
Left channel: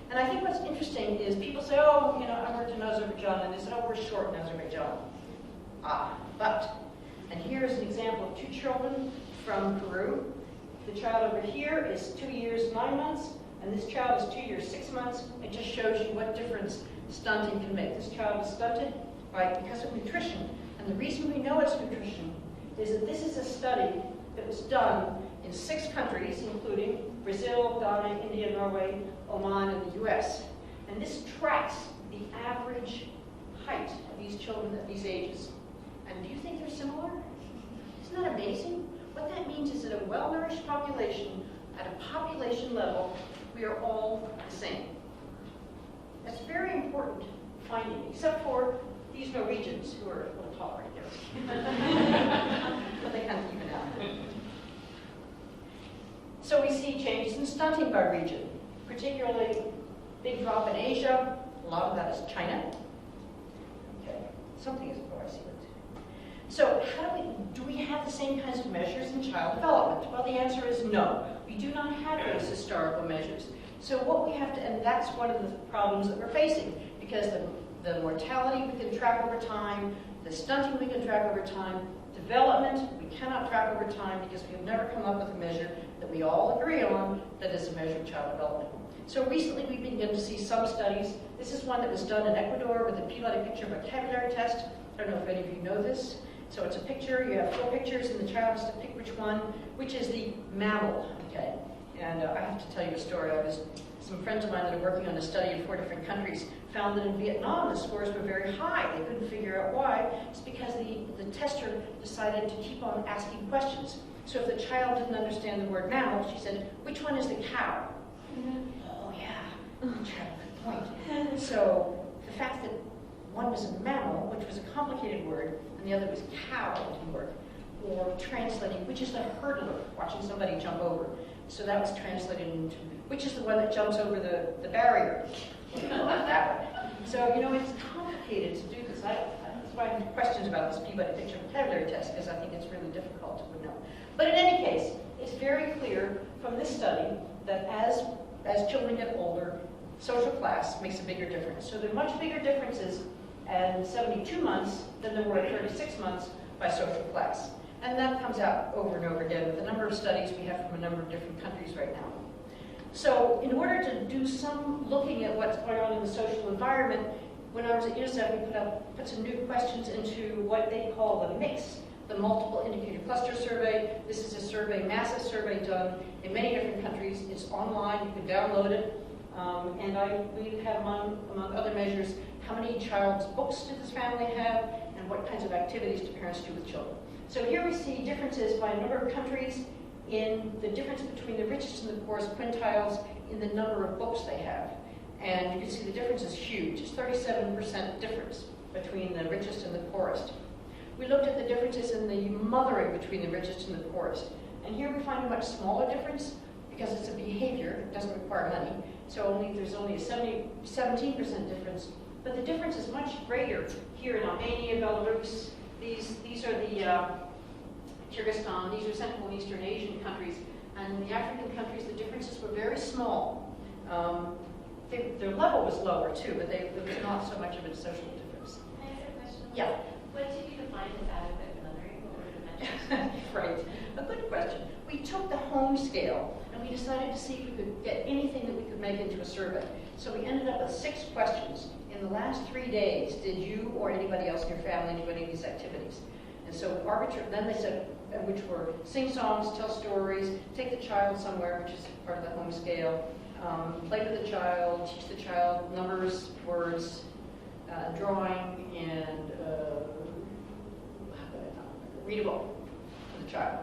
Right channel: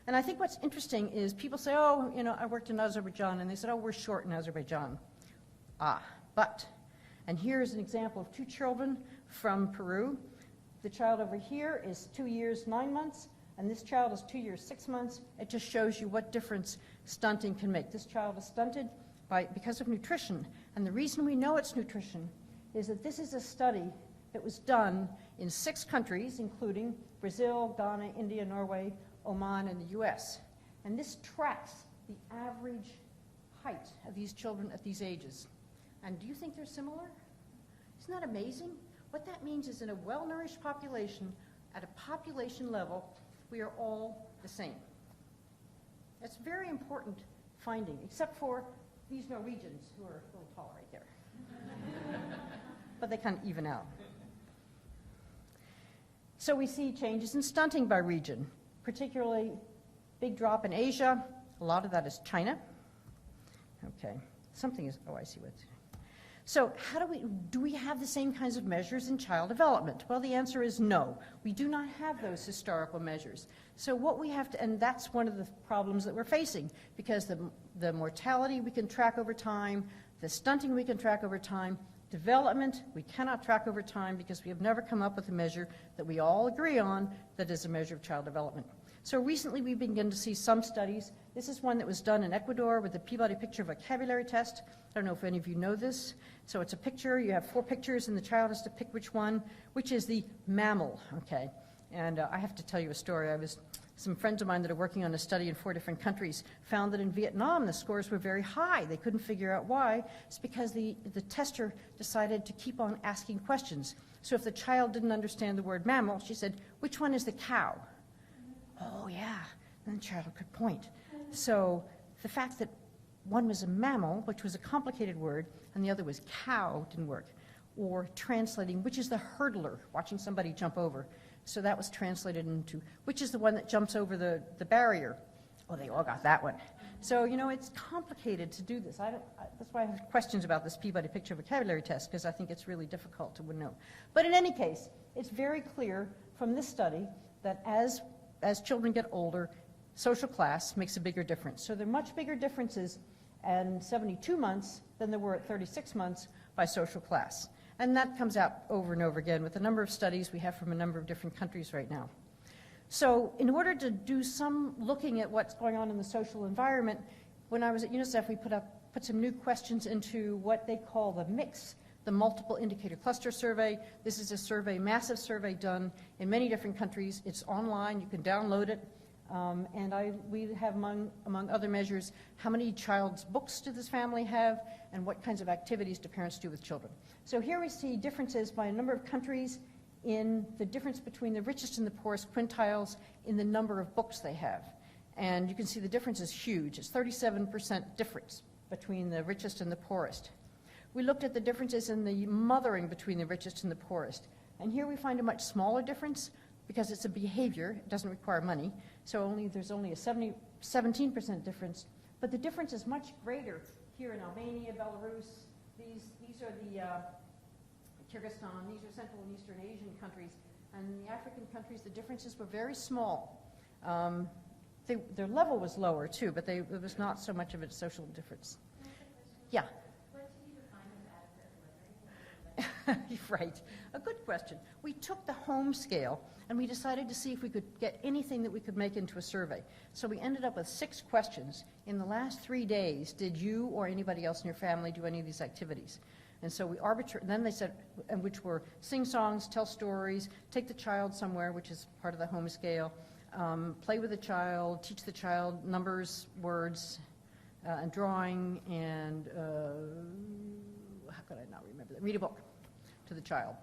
And I think what's interesting is people say, oh, you know, I worked in Azerbaijan, and they said, oh, we're short in Azerbaijan. And here's an example of 2 children from Peru. The child over here is 2 years, 9 months, and this child is 2 years, 6 months. It just shows you what difference stunting can make. This child is stunted because of nutrition. And the reason we know it's nutrition is that this is a study that was done in 6 countries, including Brazil, Ghana, India, Norway, Oman, and the US. And this tracks the average height of these children at these ages. And do you think they're similar? Isn't that amazing? What that means is that a well-nourished population, at a population level, we are all the same. That's a very important finding, except for these Norwegians who are a little tall right there. But they kind of even out. So we see changes in stunting by region, particularly big drop in Asia. A lot of that is China. Okay, something is, oh, I see that. So do we have the same kinds of measures in child development? Well, the answer is no. We do not have those historical measures. So what we have to, and that's one of the problems that we're facing, because the mortality we can track over time, the stunting we can track over time, development we cannot track over time because we have never come up with a measure that we all agree on that is a measure of child development. So recently we've begun to see some studies. This is one that was done in Ecuador with a Peabody picture vocabulary test. I don't know if any of you know this. So it's a picture, you have 4 pictures, and the child has to pick which is the mammal, okay? And I have to tell you a story. Some friends of mine that are working on a study of 4 different countries found that in Vietnam the scores were very high. They couldn't figure out why. It's because the tester decided to keep on asking questions. So if the child didn't understand the word mammal, she said, which one is the cow? Oh yeah, the child, good point. So the fact that one was a mammal, which was a complicated word, and the other was cow, didn't work. Or translating, which is the hurdler, watching somebody jump over. So that was translated into, which is the one that jumps over the barrier. Well, not that way. So, you know, it's complicated to do this. That's why I have questions about this Peabody picture vocabulary test, because I think it's really difficult to know. But in any case, it's very clear from this study that as children get older, social class makes a bigger difference. So there are much bigger differences at 72 months than there were at 36 months by social class. And that comes out over and over again with the number of studies we have from a number of different countries right now. So in order to do some looking at what's going on in the social environment, when I was at UNICEF, we put some new questions into what they call the MIX, the Multiple Indicator Cluster Survey. This is a survey, massive survey done in many different countries. It's online, you can download it. We have, among other measures, how many child's books did this family have, and what kinds of activities do parents do with children. So here we see differences by a number of countries in the difference between the richest and the poorest quintiles in the number of books they have. And you can see the difference is huge. It's 37% difference between the richest and the poorest. We looked at the differences in the mothering between the richest and the poorest. And here we find a much smaller difference because it's a behavior, it doesn't require money. So there's only a 17% difference. But the difference is much greater here in Albania, Belarus. These are the Kyrgyzstan, these are Central and Eastern Asian countries. And in the African countries, the differences were very small. Their level was lower too, but there was not so much of a social difference. Can I ask a question? Yeah. What did you define as adequate mothering? What were the metrics? Right. A good question. We took the home scale and we decided to see if we could get anything that we could make into a survey. So we ended up with 6 questions. In the last 3 days, did you or anybody else in your family do any of these activities? And so then they said, which were sing songs, tell stories, take the child somewhere, which is part of the home scale, play with the child, teach the child numbers, words, drawing, and read a book for the child.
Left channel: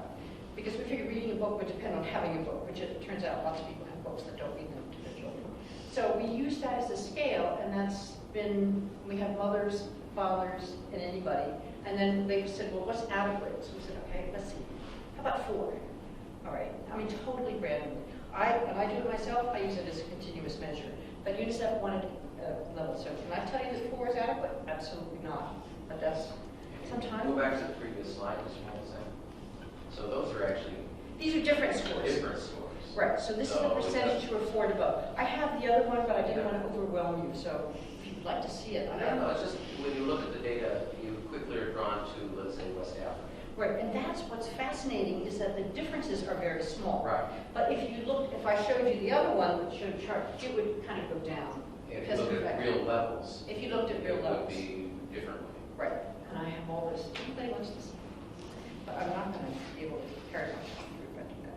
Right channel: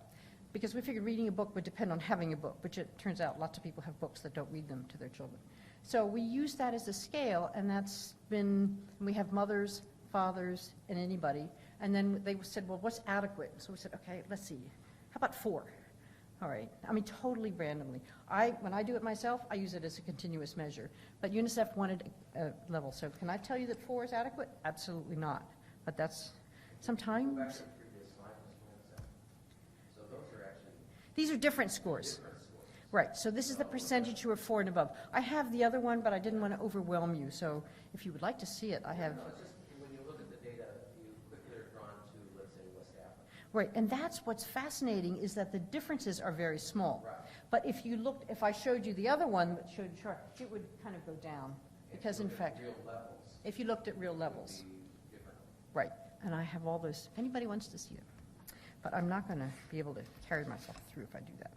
Because we figured reading a book would depend on having a book, which it turns out lots of people have books that don't read them to their children. So we use that as a scale, and that's been, we have mothers, fathers, and anybody. And then they said, well, what's adequate? So we said, okay, let's see. How about 4? All right. I mean, totally randomly. When I do it myself, I use it as a continuous measure. But UNICEF wanted level. So can I tell you that 4 is adequate? Absolutely not. But that's sometimes. Go back to the previous slide, Mr. Hamilton. So those are actually these are different scores. Different scores. Right. So this is the percentage who are 4 and above. I have the other one, but I didn't want to overwhelm you. So if you'd like to see it, I have. No, it's just when you look at the data, you quickly are drawn to, let's say, West Africa. Right, and that's what's fascinating is that the differences are very small. Right. But if you look, if I showed you the other one, which showed chart, it would kind of go down. If you look at real levels. If you looked at real levels. It would be differently. Right, and I have all this. Anybody wants to see? But I'm not going to be able to carry on if I do that.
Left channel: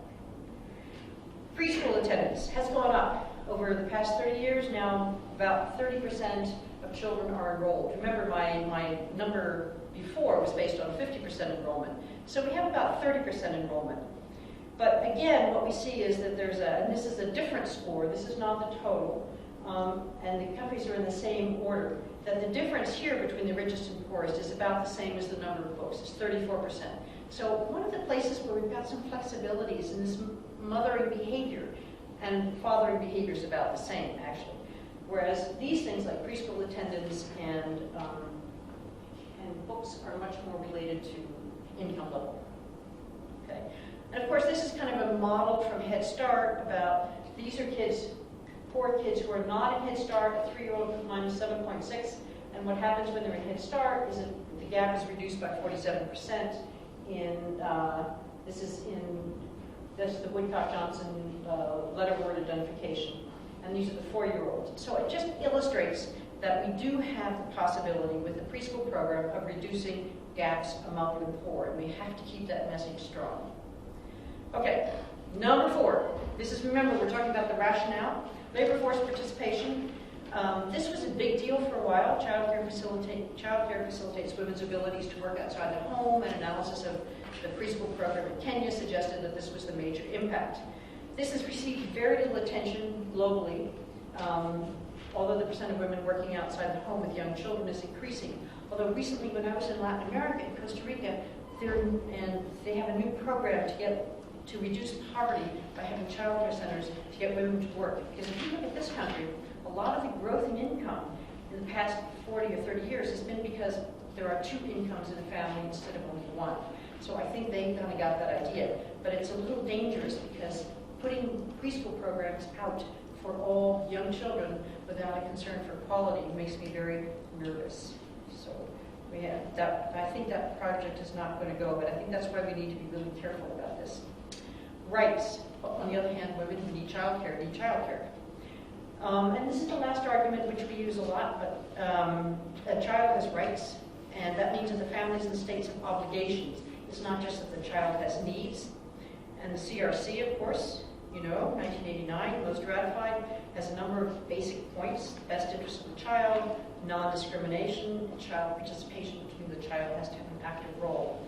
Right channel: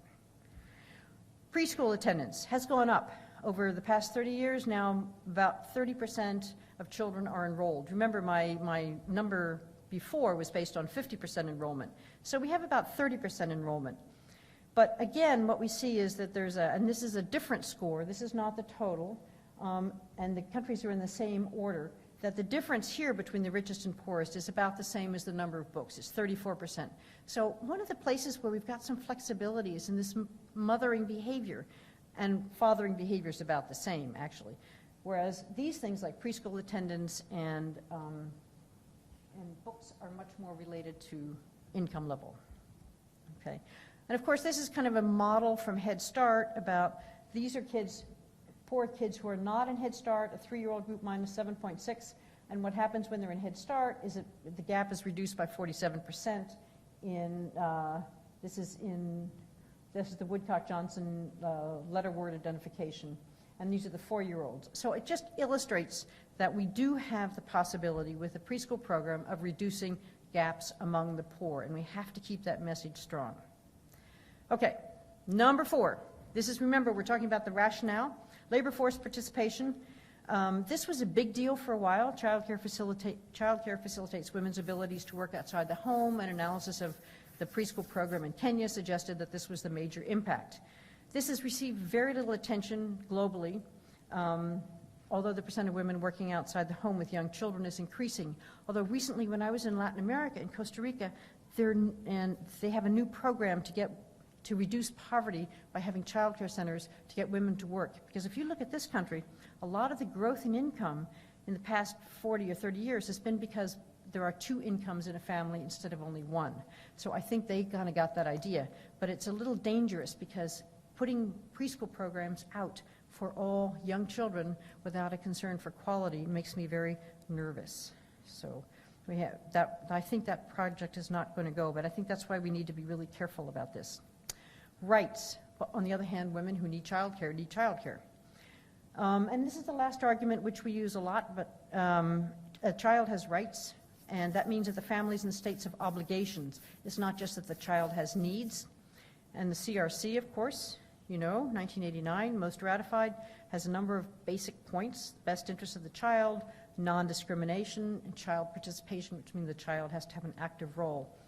Preschool attendance has gone up over the past 30 years. Now about 30% of children are enrolled. Remember, my number before was based on 50% enrollment. So we have about 30% enrollment. But again, what we see is that there's and this is a different score, this is not the total, and the countries are in the same order, that the difference here between the richest and poorest is about the same as the number of books, it's 34%. So one of the places where we've got some flexibilities in this mothering behavior, and fathering behavior is about the same, actually. Whereas these things like preschool attendance and books are much more related to income level. Okay, and of course this is kind of a model from Head Start about these are kids, poor kids who are not in Head Start. A 3-year-old with minus 7.6, and what happens when they're in Head Start is that the gap is reduced by 47%. This is the Woodcock-Johnson letter word identification, and these are the 4-year-olds. So it just illustrates that we do have the possibility with the preschool program of reducing gaps among the poor, and we have to keep that message strong. Okay, number 4. This is, remember, we're talking about the rationale. Labor force participation. This was a big deal for a while. Childcare facilitates women's abilities to work outside the home. An analysis of the preschool program in Kenya suggested that this was a major impact. This has received very little attention globally, although the percent of women working outside the home with young children is increasing. Although recently when I was in Latin America, in Costa Rica, they have a new program to reduce poverty by having child care centers to get women to work. Because if you look at this country, a lot of the growth in income in the past 40 or 30 years has been because there are 2 incomes in a family instead of only 1. So I think they kind of got that idea. But it's a little dangerous because putting preschool programs out for all young children without a concern for quality makes me very nervous. So we have that. I think that project is not going to go, but I think that's why we need to be really careful about this. Rights. On the other hand, women who need childcare need childcare. And this is the last argument which we use a lot, but a child has rights, and that means that the families and states have obligations. It's not just that the child has needs. And the CRC, of course, 1989, most ratified, has a number of basic points: best interest of the child, non-discrimination, and child participation, which means the child has to have an active role.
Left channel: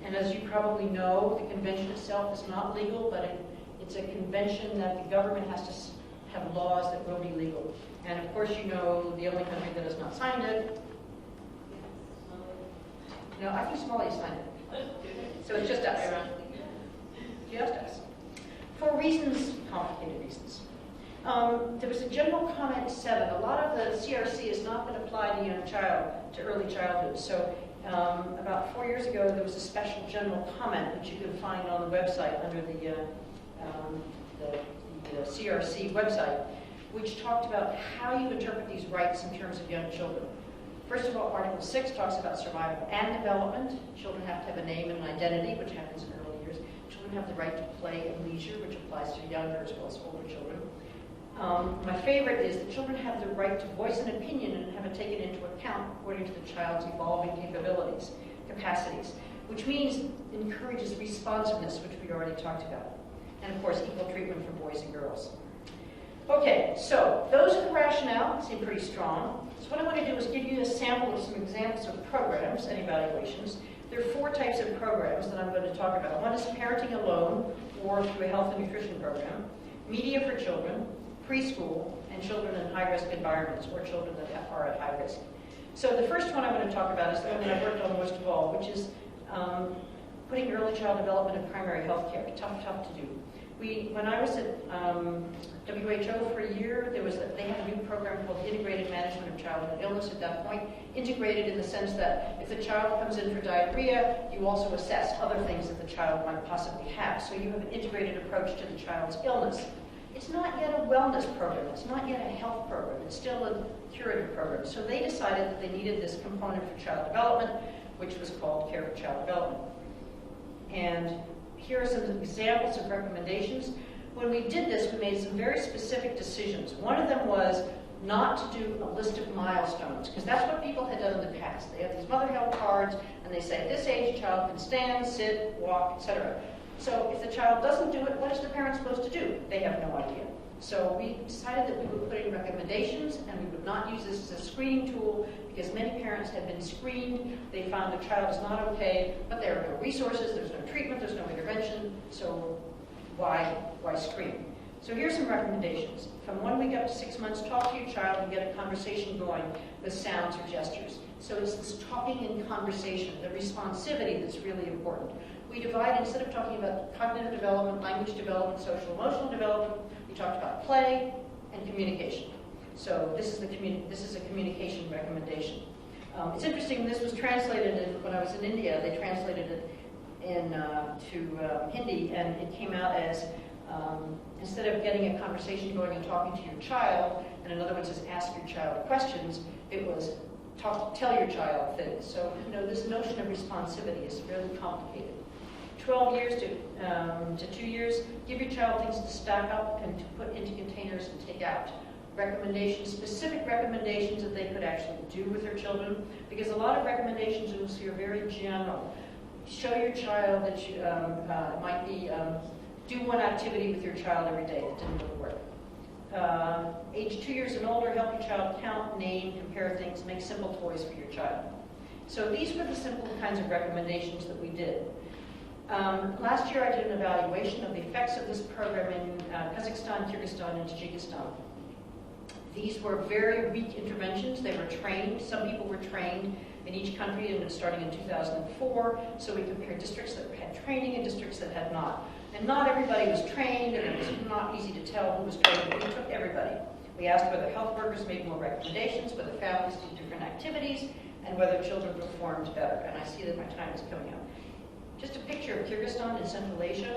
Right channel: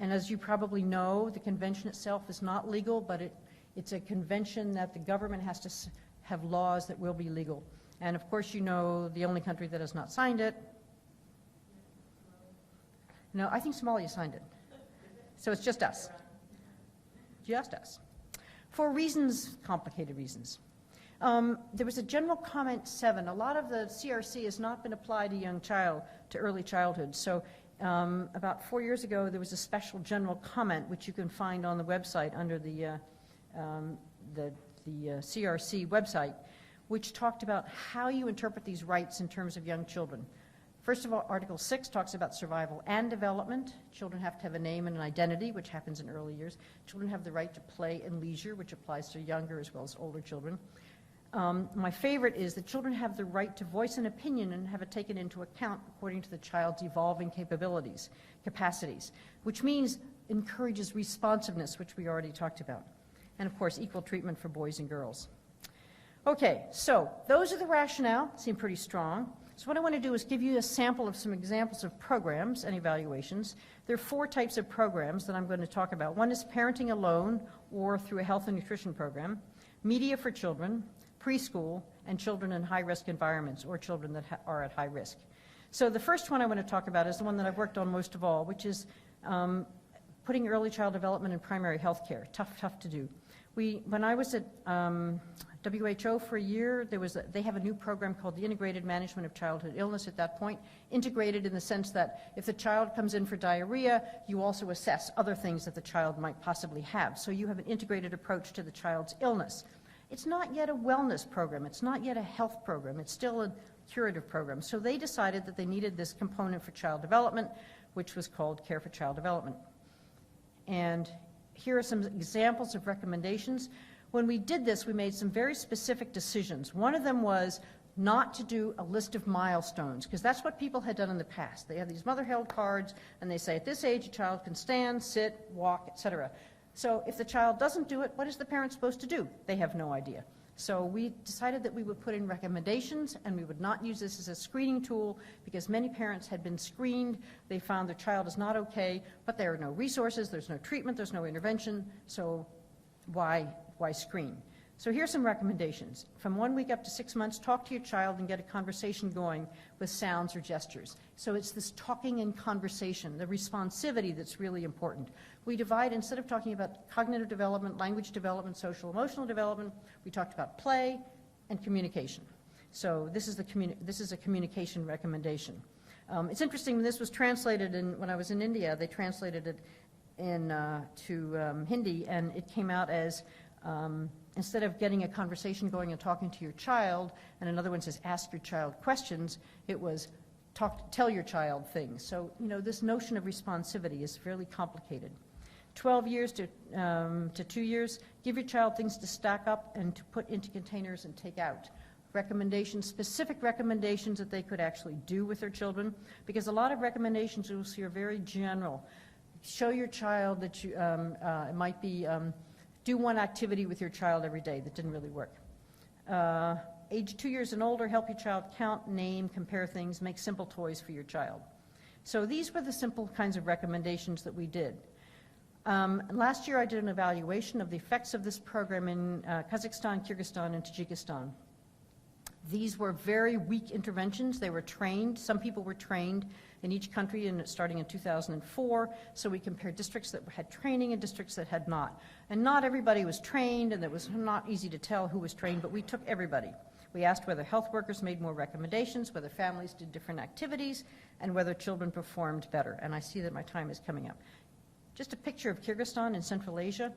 And as you probably know, the convention itself is not legal, but it's a convention that the government has to have laws that will be legal. And of course, the only country that has not signed it. No, I think Somalia signed it. So it's just us. Just us. For reasons, complicated reasons. There was a general comment 7. A lot of the CRC has not been applied to early childhood. So about 4 years ago, there was a special general comment which you can find on the website under the CRC website, which talked about how you interpret these rights in terms of young children. First of all, Article 6 talks about survival and development. Children have to have a name and an identity, which happens in early years. Children have the right to play and leisure, which applies to younger as well as older children. My favorite is that children have the right to voice an opinion and have it taken into account according to the child's evolving capacities. which means encourages responsiveness, which we already talked about. And of course, equal treatment for boys and girls. Okay, so those are the rationale, seem pretty strong. So what I want to do is give you a sample of some examples of programs and evaluations. There are 4 types of programs that I'm going to talk about. One is parenting alone or through a health and nutrition program, media for children, preschool, and children in high-risk environments or children that are at high risk. So the first one I'm going to talk about is the one that I worked on most of all, which is putting early child development in primary health care. Tough to do. When I was at WHO for a year, they had a new program called the Integrated Management of Childhood Illness at that point, integrated in the sense that if the child comes in for diarrhea, you also assess other things that the child might possibly have. So you have an integrated approach to the child's illness. It's not yet a wellness program. It's not yet a health program. It's still a curative program. So they decided that they needed this component for child development, which was called Care for Child Development. And here are some examples of recommendations. When we did this, we made some very specific decisions. One of them was not to do a list of milestones, because that's what people had done in the past. They have these mother health cards, and they say, at this age, a child can stand, sit, walk, etc. So if the child doesn't do it, what is the parent supposed to do? They have no idea. So we decided that we would put in recommendations, and we would not use this as a screening tool, because many parents had been screened. They found their child is not okay, but there are no resources, there's no treatment, there's no intervention, so why screen? So here's some recommendations. From 1 week up to 6 months, talk to your child and get a conversation going with sounds or gestures. So it's this talking and conversation, the responsivity that's really important. We divide, instead of talking about cognitive development, language development, social emotional development, we talked about play and communication. So this is a communication recommendation. It's interesting, this was translated when I was in India, they translated it to Hindi, and it came out as instead of getting a conversation going and talking to your child, and in other words, just ask your child questions, it was tell your child things. So, this notion of responsivity is really complicated. 12 years to 2 years, give your child things to stack up and to put into containers and take out. Recommendations, specific recommendations that they could actually do with their children, because a lot of recommendations you'll see are very general. Show your child that you might be do one activity with your child every day. That didn't really work. Age 2 years and older, help your child count, name, compare things, make simple toys for your child. So these were the simple kinds of recommendations that we did. Last year I did an evaluation of the effects of this program in Kazakhstan, Kyrgyzstan, and Tajikistan. These were very weak interventions. They were trained. Some people were trained in each country, and it's starting in 2004. So we compared districts that had training and districts that had not. And not everybody was trained, and it was not easy to tell who was trained, but we took everybody. We asked whether health workers made more recommendations, whether families did different activities, and whether children performed better. And I see that my time is coming up. Just a picture of Kyrgyzstan in Central Asia.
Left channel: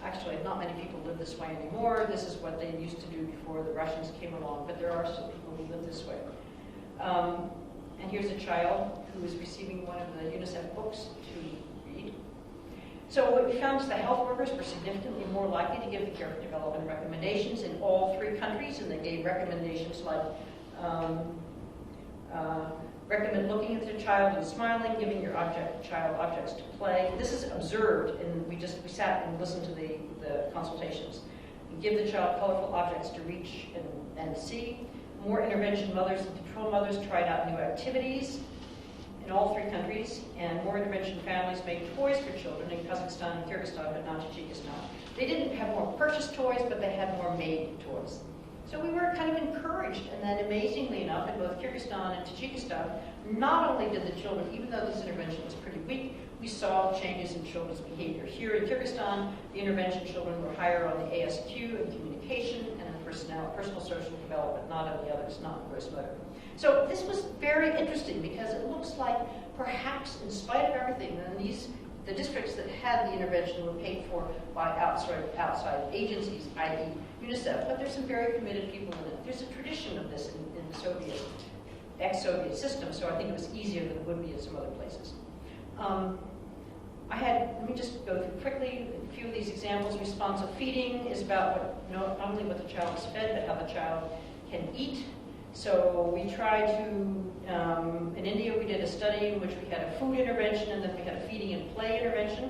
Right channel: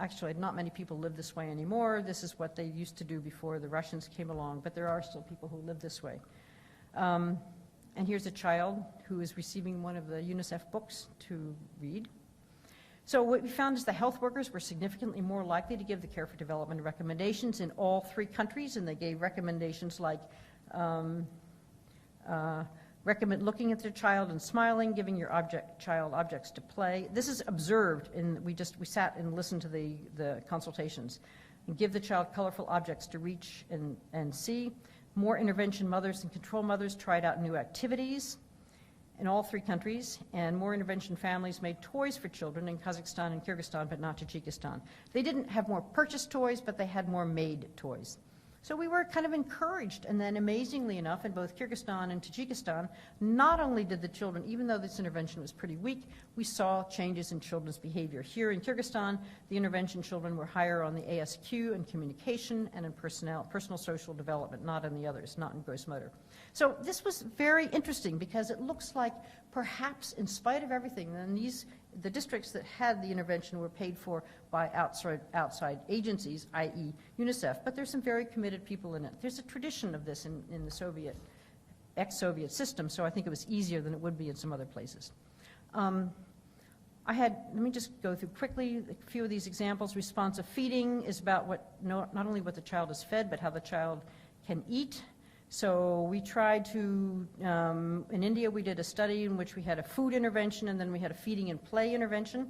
Actually, not many people live this way anymore. This is what they used to do before the Russians came along, but there are still people who live this way. And here's a child who is receiving one of the UNICEF books to read. So what we found is the health workers were significantly more likely to give the care for development recommendations in all 3 countries, and they gave recommendations like recommend looking at their child and smiling, giving your child objects to play. This is observed, and we sat and listened to the consultations. And give the child colorful objects to reach and see. More intervention mothers and control mothers tried out new activities in all 3 countries, and more intervention families made toys for children in Kazakhstan and Kyrgyzstan, but not Tajikistan. They didn't have more purchased toys, but they had more made toys. So we were kind of encouraged, and then amazingly enough, in both Kyrgyzstan and Tajikistan, not only did the children, even though this intervention was pretty weak, we saw changes in children's behavior. Here in Kyrgyzstan, the intervention children were higher on the ASQ and communication and in personal social development, not on the others, not in gross motor. So this was very interesting because it looks like perhaps in spite of everything, and the districts that had the intervention were paid for by outside agencies, i.e. UNICEF, but there's some very committed people in it. There's a tradition of this in ex-Soviet systems, so I think it was easier than it would be in some other places. Let me just go through quickly a few of these examples. Responsive feeding is about not only what the child is fed, but how the child can eat. So we tried to, in India we did a study in which we had a food intervention and then we had a feeding and play intervention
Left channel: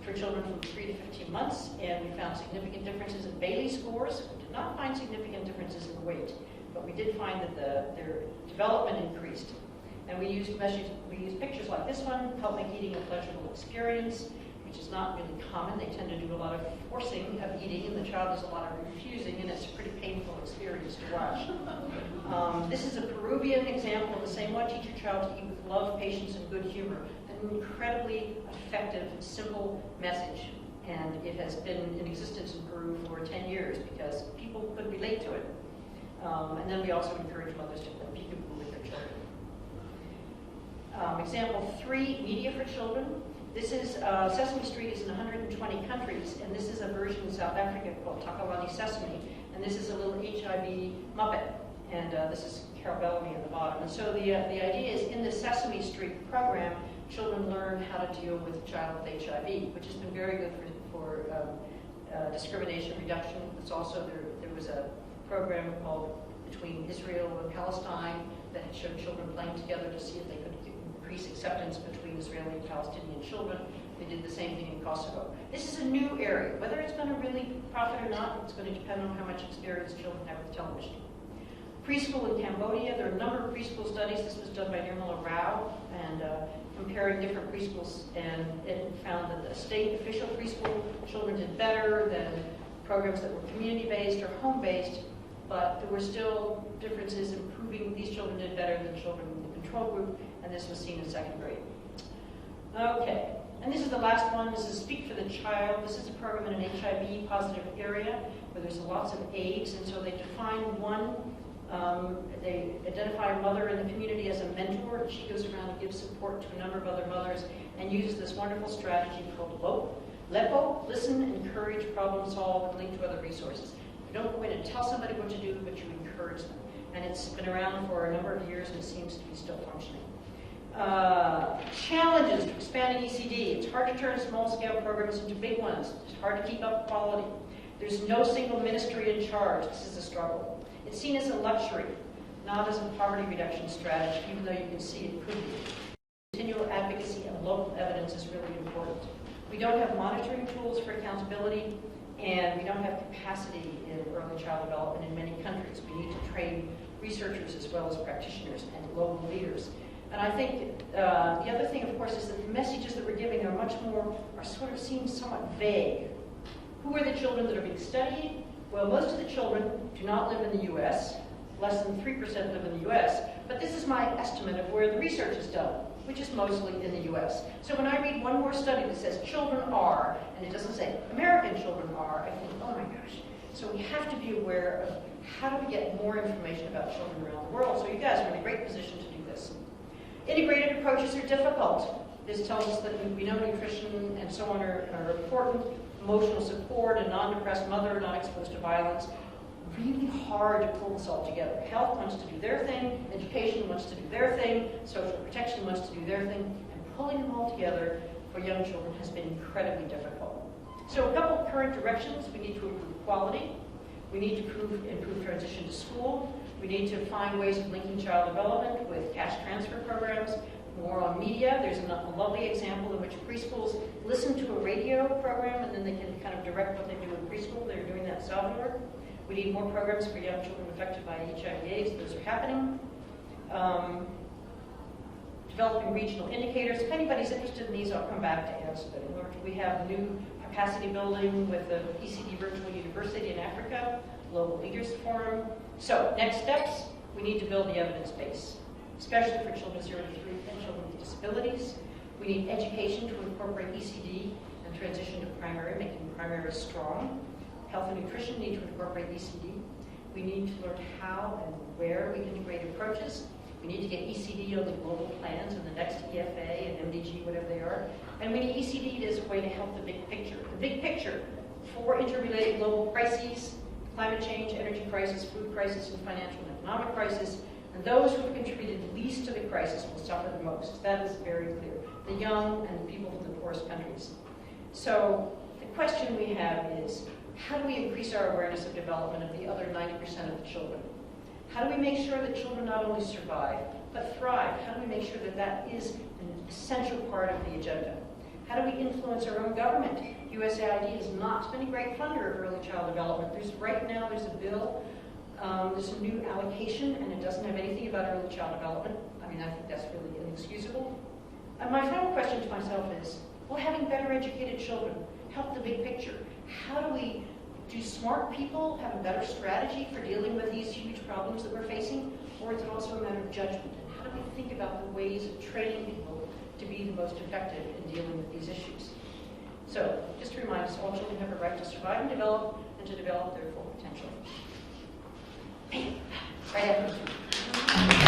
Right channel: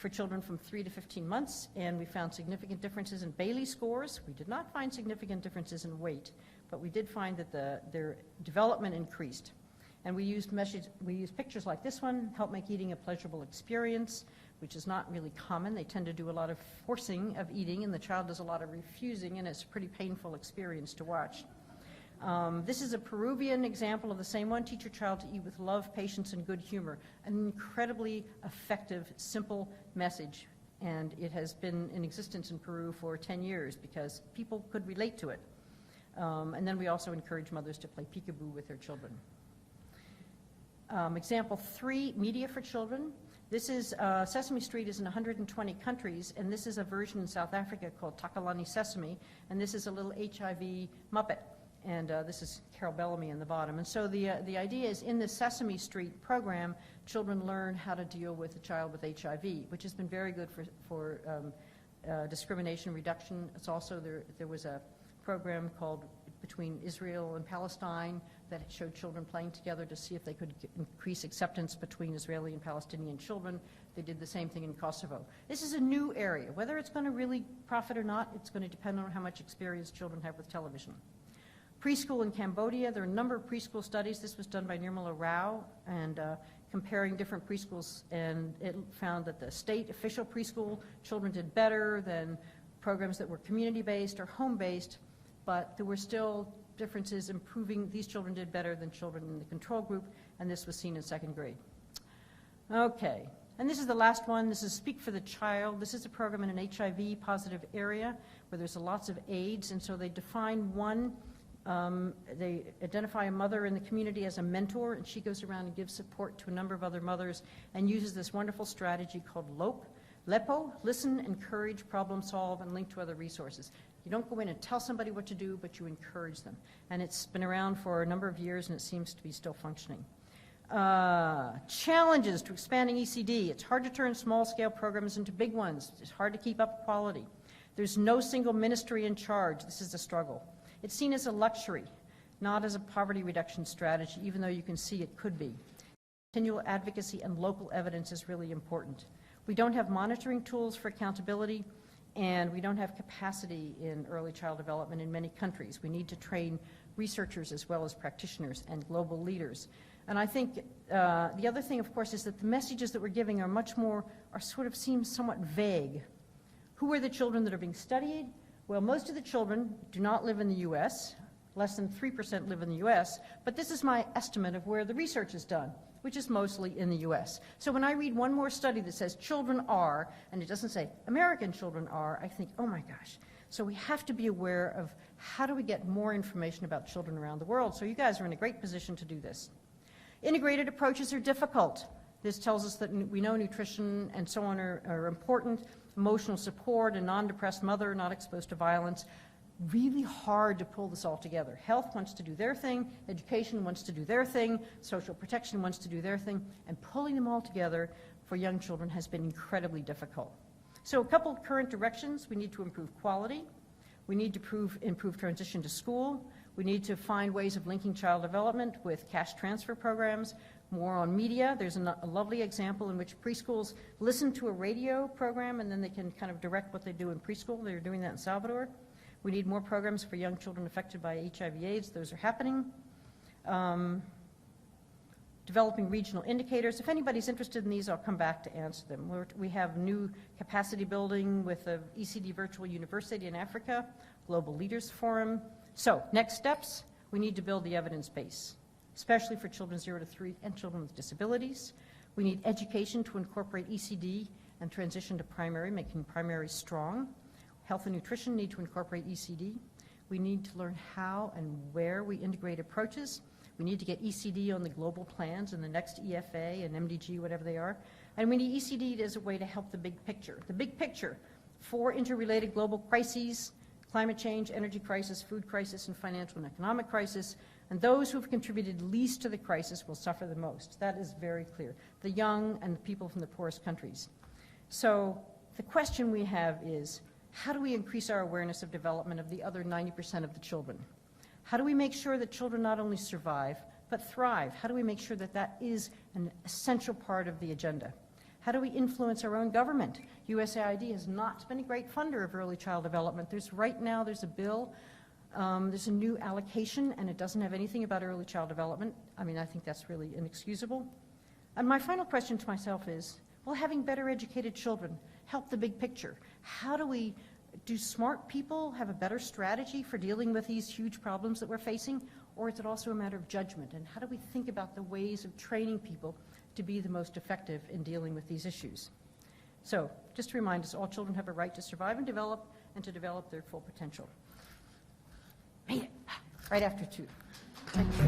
for children from 3 to 15 months, and we found significant differences in Bailey scores. We did not find significant differences in weight, but we did find that their development increased. And we used pictures like this one, help make eating a pleasurable experience, which is not really common. They tend to do a lot of forcing of eating, and the child does a lot of refusing, and it's a pretty painful experience to watch. This is a Peruvian example of the same one, teach your child to eat with love, patience, and good humor. An incredibly effective, simple message, and it has been in existence in Peru for 10 years because people could relate to it. And then we also encourage mothers to play peekaboo with their children. Example 3, media for children. This is, Sesame Street is in 120 countries, and this is a version in South Africa called Takalani Sesame, and this is a little HIV Muppet, and this is Carol Bellamy in the bottom. And so the idea is in the Sesame Street program, children learn how to deal with a child with HIV, which has been very good for discrimination reduction. It's also, there was a program called Between Israel and Palestine that showed children playing together to see if they could increase acceptance between Israeli and Palestinian children. They did the same thing in Kosovo. This is a new area. Whether it's going to really profit or not, it's going to depend on how much experience children have with television. Preschool in Cambodia, there are a number of preschool studies. This was done by Nirmala Rao, and comparing different preschools, and it found that the state official preschool children did better than programs that were community-based or home-based, but there were still differences in proving these children did better than children in the control group, and this was seen in 2nd grade. Okay, and this is the last one. This is Speak for the Child. This is a program in an HIV-positive area where there's lots of AIDS, and so they define one. They identify a mother in the community as a mentor, and she goes around and gives support to a number of other mothers and uses this wonderful strategy called LEPO, listen, encourage, problem solve, and link to other resources. You don't go in and tell somebody what to do, but you encourage them. And it's been around for a number of years, and it seems to be still functioning. Challenges to expanding ECD. It's hard to turn small-scale programs into big ones. It's hard to keep up quality. There's no single ministry in charge. This is a struggle. It's seen as a luxury, not as a poverty reduction strategy, even though you can see it could be. Continual advocacy and local evidence is really important. We don't have monitoring tools for accountability, and we don't have capacity in early child development in many countries. We need to train researchers as well as practitioners and global leaders. And I think the other thing, of course, is that the messages that we're giving are sort of seem somewhat vague. Who are the children that are being studied? Well, most of the children do not live in the U.S. Less than 3% live in the U.S. But this is my estimate of where the research is done, which is mostly in the U.S. So when I read one more study that says children are, and it doesn't say American children are, I think, oh my gosh. So we have to be aware of how do we get more information about children around the world. So you guys are in a great position to do this. Integrated approaches are difficult. This tells us that we know nutrition and so on are important. Emotional support, a non-depressed mother, not exposed to violence. Really hard to pull this all together. Health wants to do their thing, education wants to do their thing, social protection wants to do their thing, and pulling them all together for young children has been incredibly difficult. So a couple of current directions. We need to improve quality. We need to improve transition to school. We need to find ways of linking child development with cash transfer programs. More on media. There's a lovely example in which preschools listen to a radio program and then they can kind of direct what they do in preschool. They're doing that in Salvador. We need more programs for young children affected by HIV/AIDS. Those are happening. Developing regional indicators. If anybody's interested in these, I'll come back to answer them. We have new capacity building with the ECD Virtual University in Africa, Global Leaders Forum. So, next steps, we need to build the evidence base, especially for children 0 to 3 and children with disabilities. We need education to incorporate ECD and transition to primary, making primary strong. Health and nutrition need to incorporate ECD. We need to learn how and where we integrate approaches. We need to get ECD on the global plans in the next EFA and MDG, whatever they are. And we need ECD as a way to help the big picture. The big picture, 4 interrelated global crises: climate change, energy crisis, food crisis, and financial and economic crisis. And those who have contributed least to the crisis will suffer the most. That is very clear. The young and the people from the poorest countries. So the question we have is, how do we increase our awareness of development of the other 90% of the children? How do we make sure that children not only survive, but thrive? How do we make sure that that is an essential part of the agenda? How do we influence our own government? USAID has not been a great funder of early child development. Right now there's a bill, there's a new allocation, and it doesn't have anything about early child development. I mean, I think that's really inexcusable. And my final question to myself is, will having better educated children help the big picture? How do smart people have a better strategy for dealing with these huge problems that we're facing? Or is it also a matter of judgment? And how do we think about the ways of training people to be the most effective in dealing with these issues? So, just to remind us, all children have a right to survive and to develop their full potential. Right after you.